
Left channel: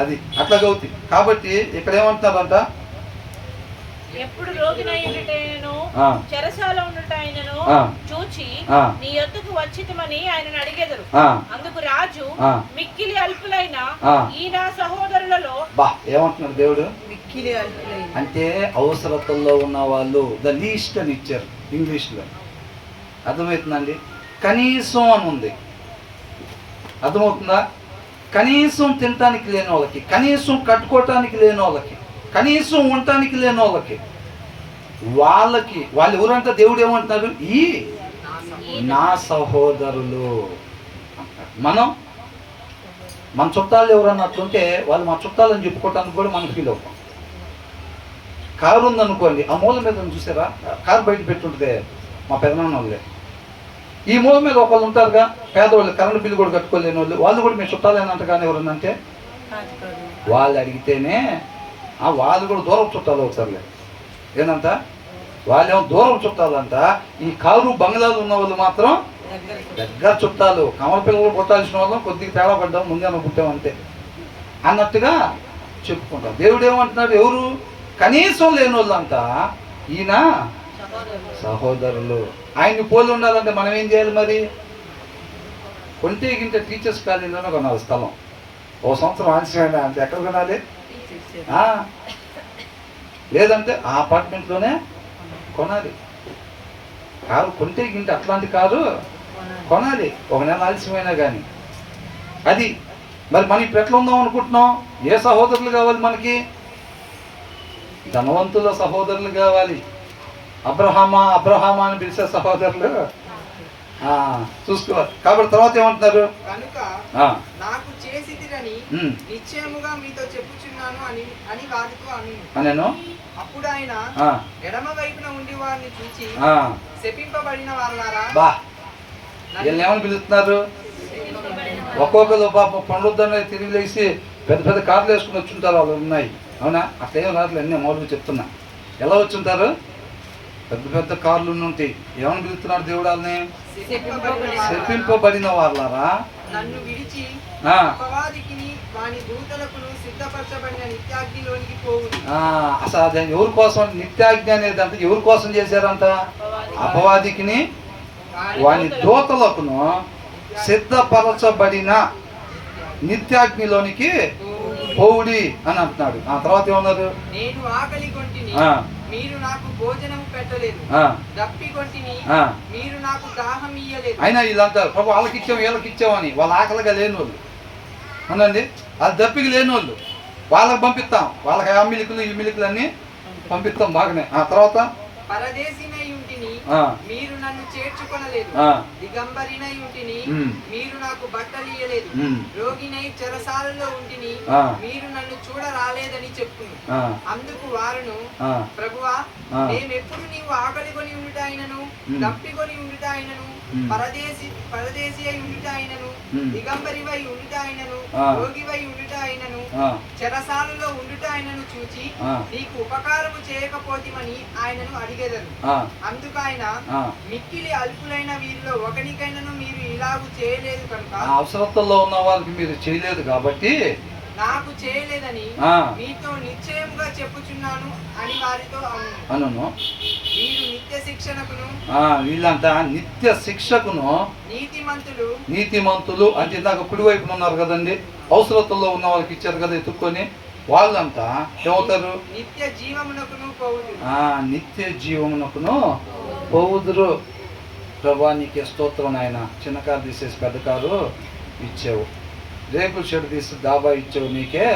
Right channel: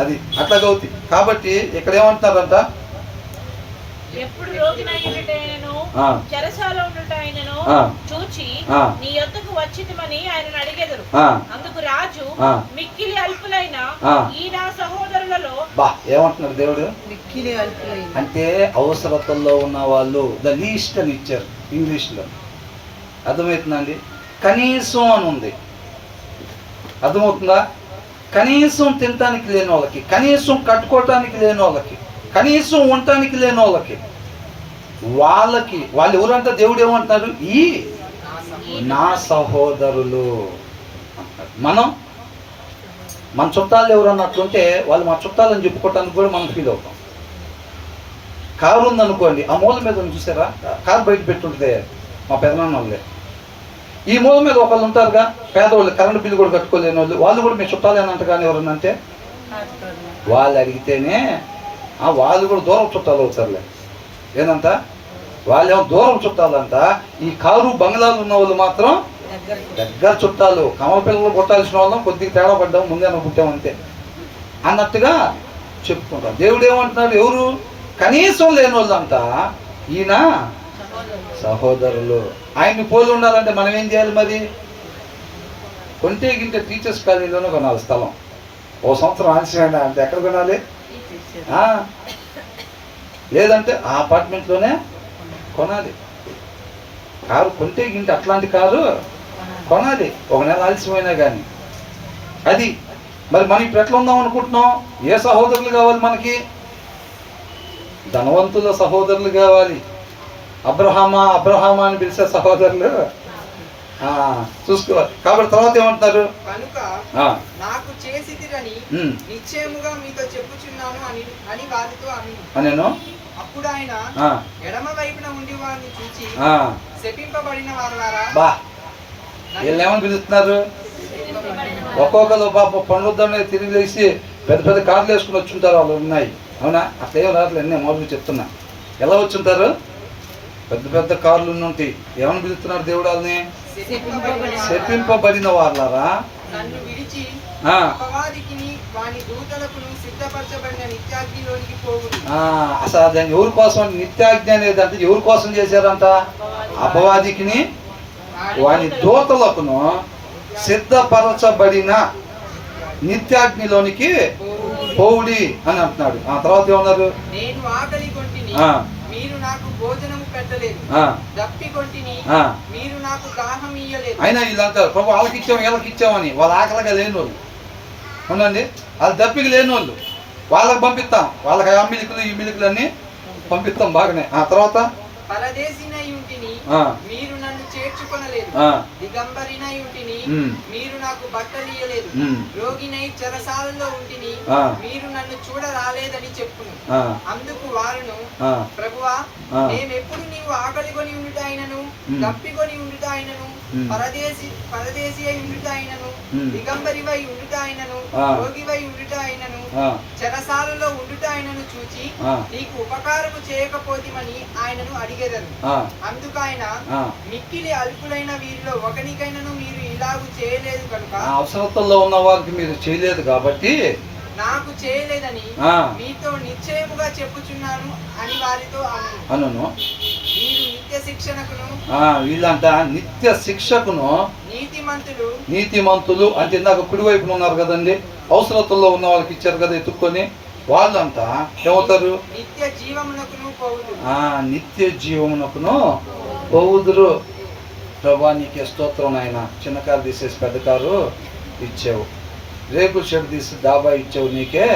అది అట్లాగే అవుతుంది. కాబట్టి ఇక్కడ ఏమంటున్నారంట, ఎప్పుడు రోగినై ఉండుటైనను చెరసాల ఉండుటైనను చూచి నీ యొద్దకు వచ్చితిమని ఆయనను అడిగెదరు. అందుకు రాజు మిక్కిలి అల్పులైన ఈ నా సహోదరులలో ఏమంటున్నారు దేవుడు, మిక్కిలి అల్పులైన అంటే అవసరతల్లో ఉన్న వాళ్ళు ద లీస్ట్ అని ఇచ్చారు ఇంగ్లీష్లో. అర్థమవుతుందండి? కనీసం అని ఉంది. అర్థమవుతుందా? కనీసం తినటానికి లేని వాళ్ళకి, కనీసం కట్టుకోవటానికి లేని వాళ్ళకి, కనీసం ఉండటానికి లేని వాళ్ళకి, వాళ్ళకి వాళ్ళు ఎవరంటే దేవుడు ఏమంటున్నారు, ఈ నా సహోదరులు అంటారు. మన చుట్టాలు ఎవరన్నా అట్లుంటే వాళ్ళు మా చుట్టాలని చెప్పుకోవటానికి కూడా మనం ఫీల్ అవుతాం. కారు ఉందనుకోండి, ఆ మూల మీద చూసారా, కారు బయట పెట్టుంటే మా పెదనాన్న వాళ్ళే, ఈ మూల మీద ఒకళ్ళు ఉంటారుగా, పేదవాళ్ళు, కరెంటు బిల్లు కూడా కట్టుకోలేని వాళ్ళు కూడా మీ చుట్టాలేనంత కానీ ఎవరన్నంటే వాళ్ళు అడిగితేనే వాళ్ళు కూడా దూరం చుట్టాలు అవుతారులే. ఏందంట వాళ్ళేమో దూరం చుట్టాలంట. ఈ కారు బంగ్లాలు ఉన్న వాళ్ళు మాత్రం దగ్గర చుట్టాలు. కమల పిల్లలు కొట్టాల్సిన వాళ్ళం కొద్దిగా తేడా పడ్డాం, ముందే పుట్టామంతే అన్నట్టుగా చెప్పుకుంటాం. దేవుడు ఏమంటున్నాడు, ఎవరు కనీసం లేని వాళ్ళంతా ఈయన సహోదరులు. ఆయన్ని పోలి ఉండాలంటే మనం ఏం చేయాలి మరి? కొంటే గింటే టీచర్స్ కాలేజీలోనే కొనాలి స్థలం. ఓ సంవత్సరం ఆలస్యమైన అంటే ఎక్కడ కొనాలి? లేదంటే ఆ అపార్ట్మెంట్లోనే కొనాలి. కారు కొంటే గింటే అట్లాంటి కారు కొనాలి, ఒక నెల ఆలస్యమైనా కానీ. అది మరి మనం ఇప్పుడు ఎట్లా ఉందాం అనుకుంటున్నాం? ఏ సహోదరులు కావాలి మనకి? ధనవంతుల సహోదరులు కావాలి. అబ్రహామా అని పిలిచే సహోదరులు చూసుకోవాలి. కాబట్టి తర్వాత ఏమంటున్నారు? కనుక నాకు చేసిదిరని నిశ్చయముగా మీతో చెప్పుచున్నాను అని వారితో అనేను. అప్పుడు ఆయన ఎడమ వైపున ఉండి వారిని చూచి శపింపబడిన వారులారా. వీళ్ళు ఏమని పిలుస్తున్నారు? ఒక్కొక్కరు పాప పండుద్దాన్ని తిరిగి లేచి పెద్ద పెద్ద కార్లు వేసుకుని వచ్చుంటారు. వాళ్ళు ఉన్నాయి, అవునా? అట్లే రాట్లేదు, అన్నీ మొదలు చెప్తున్నా. ఎలా వచ్చుంటారు? పెద్ద పెద్ద కార్లు ఉంటాయి. ఏమని పిలుస్తున్నారు దేవుడు వాళ్ళని? శపింపబడిన వాళ్ళారా, నన్ను విడిచి అపవాదికిని వాని దూతలకును సిద్ధపరచబడిన నిత్యాగ్నిలోనికి పోవును. అసలు అది ఎవరి కోసం నిత్యాగ్ని అనేది? అంటే ఎవరి కోసం చేశారంట? అపవాదికిని వాని దూతలకును సిద్ధపరచబడిన నిత్యాగ్నిలోనికి పోవుడి అని అంటున్నాడు. ఆ తర్వాత ఏమన్నారు? నేను ఆకలి కొంటిని, మీరు నాకు భోజనం పెట్టలేదు. దప్పి కొంటిని, మీరు నాకు దాహం ఇయ్యలేదు. అయినా వీళ్ళు అంటారు, ప్రభు వాళ్ళకి ఇచ్చాము వీళ్ళకి ఇచ్చామని. వాళ్ళ ఆకలిగా లేని వాళ్ళు అవునండి, వాళ్ళ దప్పికి లేని వాళ్ళు వాళ్ళకి పంపిస్తాం. వాళ్ళకి ఆ మిలుకులు ఈ మిలుకులు అన్ని పంపిస్తాం బాగానే. ఆ తర్వాత పరదేశినై ఉంటిని, మీరు నన్ను చేర్చుకొనలేదు. దిగంబరినై ఉంటిని, మీరు నాకు బట్టలు ఇయ్యలేదు. రోగినై చెరసాలలో ఉంటిని, మీరు నన్ను చూడ రాలేదని చెప్పును. అందుకు వారును, ప్రభువా, మేమెప్పుడు నీవు ఆకలి కొని ఉండుట అయినను, దప్పికొని ఉండుట అయినను, పరదేశి అయి ఉండుట అయినను, దిగంబరివై ఉండుట అయినను, రోగివై ఉండుట అయినను, చెరసాలలో ఉండుట అయినను చూచి నీకు ఉపకారము చేయకపోతిమని ఆయనను అడిగేదరు. అందుకు ఆయన, మిక్కిలి అల్పులైన వీరిలో ఒకనికైనను మీరు ఇలాగూ చేయలేదు కనుక, అవసరతల్లో ఉన్న వారికి మీరు చేయలేదు కాబట్టి నాకు చేయలేదని మీతో నిశ్చయముగా చెప్పుచున్నాను అని వారితో అనును. మీరు నిత్య శిక్షణకును, వీళ్ళంతా నిత్య శిక్షకును, నీతిమంతులు అంటే ఇందాక కుడివైపున ఉన్నారు కదండి, అవసరతల్లో ఉన్న వాళ్ళకి ఇచ్చారు కదా ఎత్తుక్కొని, వాళ్ళంతా ఏమవుతారు? నిత్య జీవమునకును పోవుదురు. ప్రభా నీకే స్తోత్రం నాయన. చిన్న కారు తీసేసి పెద్ద కారు ఇచ్చావు, రేకుల షెడ్ తీసి డాబా ఇచ్చావు, నీకే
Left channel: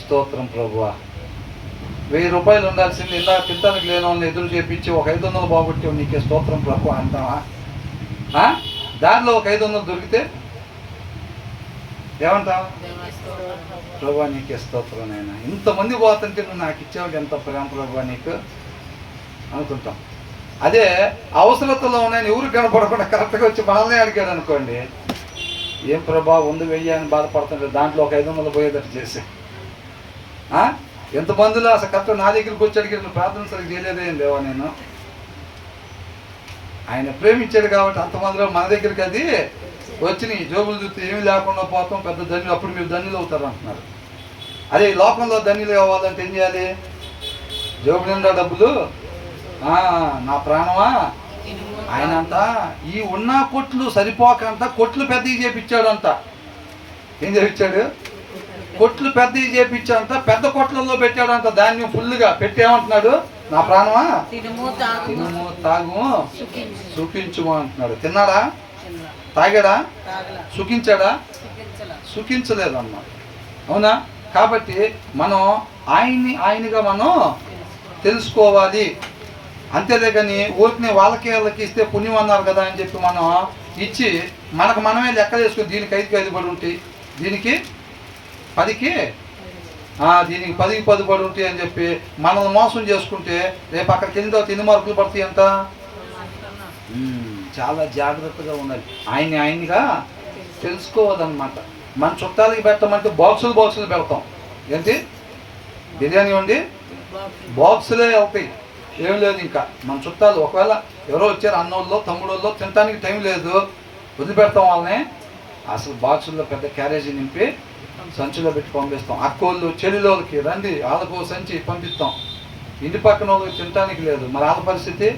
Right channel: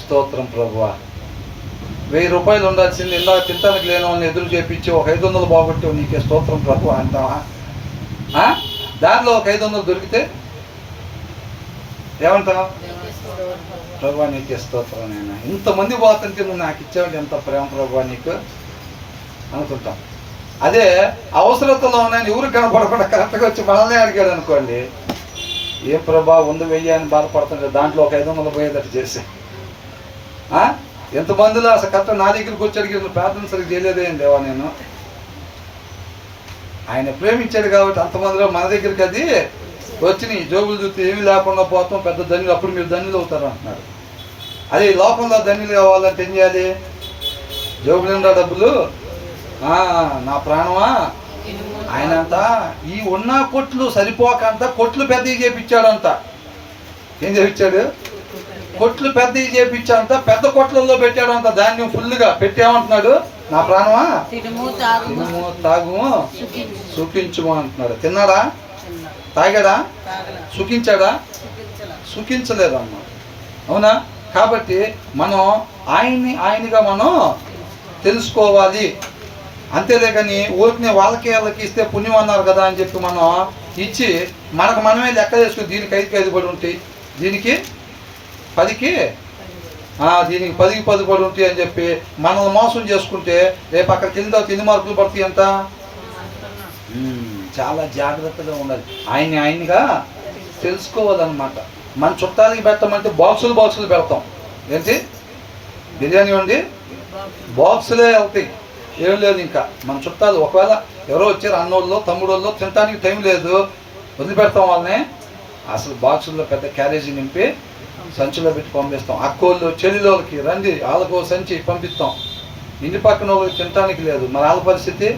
స్తోత్రం ప్రభువా. 1000 రూపాయలు ఉండాల్సింది ఇందాక తింటానికి లేని వాళ్ళని ఎదురు చేపించి ఒక 500 బాగొట్టావు, నీకే స్తోత్రం ప్రభువా అంటావా? దారిలో ఒక 500 దొరికితే ఏమంటావు? ప్రభువా నీకే స్తోత్రం నాయన. ఇంతమంది పోతుంటే నువ్వు నాకు ఇచ్చావు, ఎంత ప్రేమ ప్రభువా నీకు అనుకుంటాం. అదే అవసరతలో ఉన్నాయని ఎవరు కనపడకుండా కరెక్ట్గా వచ్చి మనల్ని అడిగాడు అనుకోండి, ఏ ప్రభా ఉండు వెయ్యి అని బాధపడుతుంటే దాంట్లో ఒక 500 పోయేటట్టు చేసి ఎంతమందిలో అసలు కరెక్ట్ నా దగ్గరికి వచ్చి అడిగి ప్రార్థన సరిగ్గా చేయలేదేం దేవా నేను. ఆయన ప్రేమించాడు కాబట్టి అంతమందిలో మన దగ్గరికి అది వచ్చినాయి. జోబులు చూస్తే ఏమి లేకుండా పోతాం, పెద్ద ధన్యులు, అప్పుడు మీరు ధన్యులు అవుతారు అంటున్నారు. అదే లోకంలో ధన్యులు కావాలంటే ఏం చేయాలి? జోబులు నిండా డబ్బులు, నా ప్రాణమా ఆయనంతా ఈ ఉన్న కొట్లు సరిపోకంట కొట్లు పెద్దవి చేపించాడంట. ఏం చేపించాడు? కొట్లు పెద్దవి చేపించాడంట, పెద్ద కొట్లలో పెట్టాడంట. ధాన్యం ఫుల్గా పెట్టామంటున్నాడు, నా ప్రాణమా తినుము తాగుము సుఖించుము అంటున్నాడు. తిన్నాడా? తాగాడా? సుఖించాడా? సుఖించలేదు అన్నాడు. అవునా? కాబట్టి మనం ఆయనగా మనం తెలుసుకోవాలి. అంతేలే కానీ ఊరికి వాళ్ళకి ఇస్తే పుణ్యం అన్నారు కదా అని చెప్పి మనం ఇచ్చి మనకు మనమే లెక్క చేసుకుని దీనికి 5 పడి ఉంటాయి, దీనికి 10కి దీనికి 10కి 10 పడి ఉంటాయి అని చెప్పి మనం మోసం చేసుకుంటే రేపు అక్కడికి వెళ్ళిన తర్వాత 8 మార్కులు పడతాయి అంట. చాలా జాగ్రత్తగా ఉండాలి. ఆయనగా తెలుసుకోవాలన్నమాట. మన చుట్టాలకి పెట్టమంటే బాక్సులు పెడతాం. ఏంటి బిర్యానీ వండి బాక్సులే వెళ్తాయి, ఏం లేదు. ఇంకా మన చుట్టాలు ఒకవేళ ఎవరో వచ్చారు అన్నోళ్ళు తమ్ముడోళ్ళు తినడానికి టైం లేదు, వదిలిపెడతాం వాళ్ళని. అసలు బాక్సుల్లో పెద్ద క్యారేజీ నింపి సంచిలో పెట్టి పంపిస్తాం. అక్కోళ్ళు చెల్లిలోకి రండి, వాళ్ళకు సంచి పంపిస్తాం. ఇంటి పక్కన వాళ్ళకి తినడానికి లేదు, మరి వాళ్ళ పరిస్థితి.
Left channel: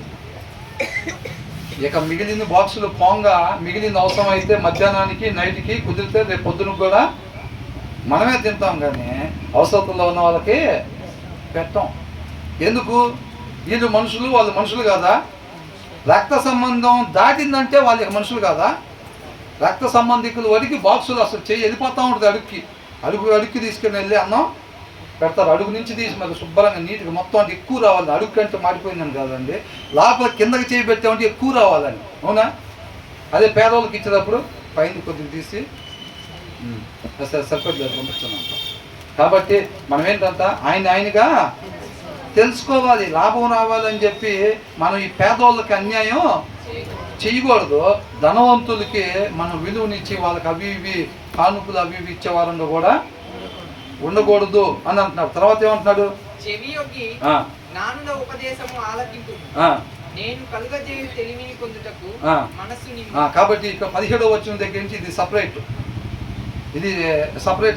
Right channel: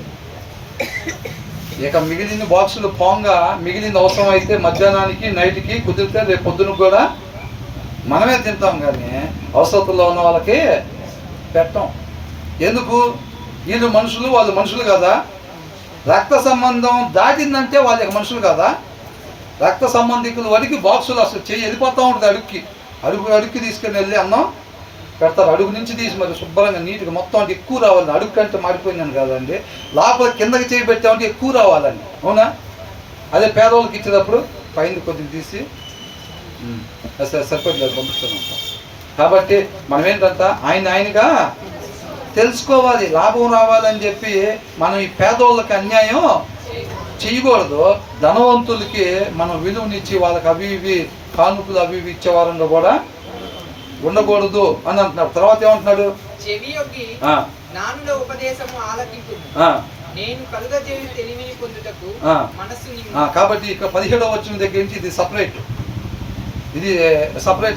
ఇక మిగిలిన బాక్సులు పోంగా మిగిలిన అవసరం అయితే మధ్యాహ్నానికి నైట్కి కుదిరితే రేపు పొద్దున కూడా మనమే తింటాం, కానీ అవసరంలో ఉన్న వాళ్ళకి పెట్టాం. ఎందుకు? వీళ్ళు మనుషులు, వాళ్ళు మనుషులు కాదా? రక్త సంబంధం దాటిందంటే వాళ్ళకి మనుషులు కాదా? రక్త సంబంధికులు వరకు బాక్సులు అసలు చెయ్యి వెళ్ళిపోతూ ఉంటుంది. అడుక్కి తీసుకుని వెళ్ళి అన్నం పెడతారు. అడుగు నుంచి తీసి మరి శుభ్రంగా నీట్గా మొత్తం అంటే ఎక్కువ రావాలి. అడుగు కంటే మాడిపోయిందని కదండి, లోపల కిందకి చేయి పెట్టామంటే ఎక్కువ రావాలని. అవునా? అదే పేదవాళ్ళకి ఇచ్చేటప్పుడు పైన కొద్దిగా తీసి సరిపడలేదు పంపిస్తున్నాం. కాబట్టి మనం ఏంటంతా ఆయనగా తెలుసుకోవాలి. లాభం రావాలని చెప్పి మనం ఈ పేదవాళ్ళకి అన్యాయం చేయకూడదు. ధనవంతులకి మనం విలువనిచ్చి వాళ్ళకి అవి ఇవి కానుకలు అవి ఇవి ఇచ్చే వారంగా కూడా ఉండకూడదు అని అంటున్నాడు. తర్వాత ఏమంటున్నాడు? చెవి యొగ్గి నానుల ఉపదేశము ఆలకింపు, నేను కలుగజేయు తెలివిని పొందుటకు మనస్సు నిమ్ము. కాబట్టి ఇక 17వ వచనం దగ్గర నుంచి ఇది సపరేట్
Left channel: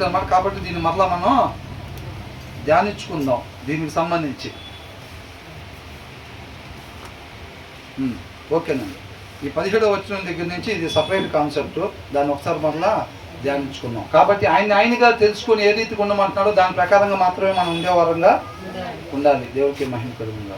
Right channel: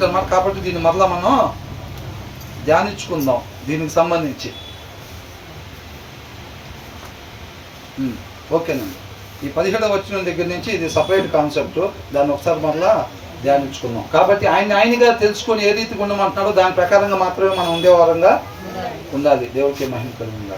అన్నమాట. కాబట్టి దీన్ని మరలా మనం ధ్యానించుకుందాం దీనికి సంబంధించి. ఓకేనండి. ఈ 17వ వచనం దగ్గర నుంచి ఇది సపరేట్ కాన్సెప్ట్, దాన్ని ఒకసారి మరలా ధ్యానించుకుందాం. కాబట్టి ఆయనగా తెలుసుకొని ఏ రీతికి ఉండమంటున్నాడో దాని ప్రకారంగా మాత్రమే మనం ఉండేవారంగా ఉండాలి. దేవుడికి మహిమ కలుగుతుంది.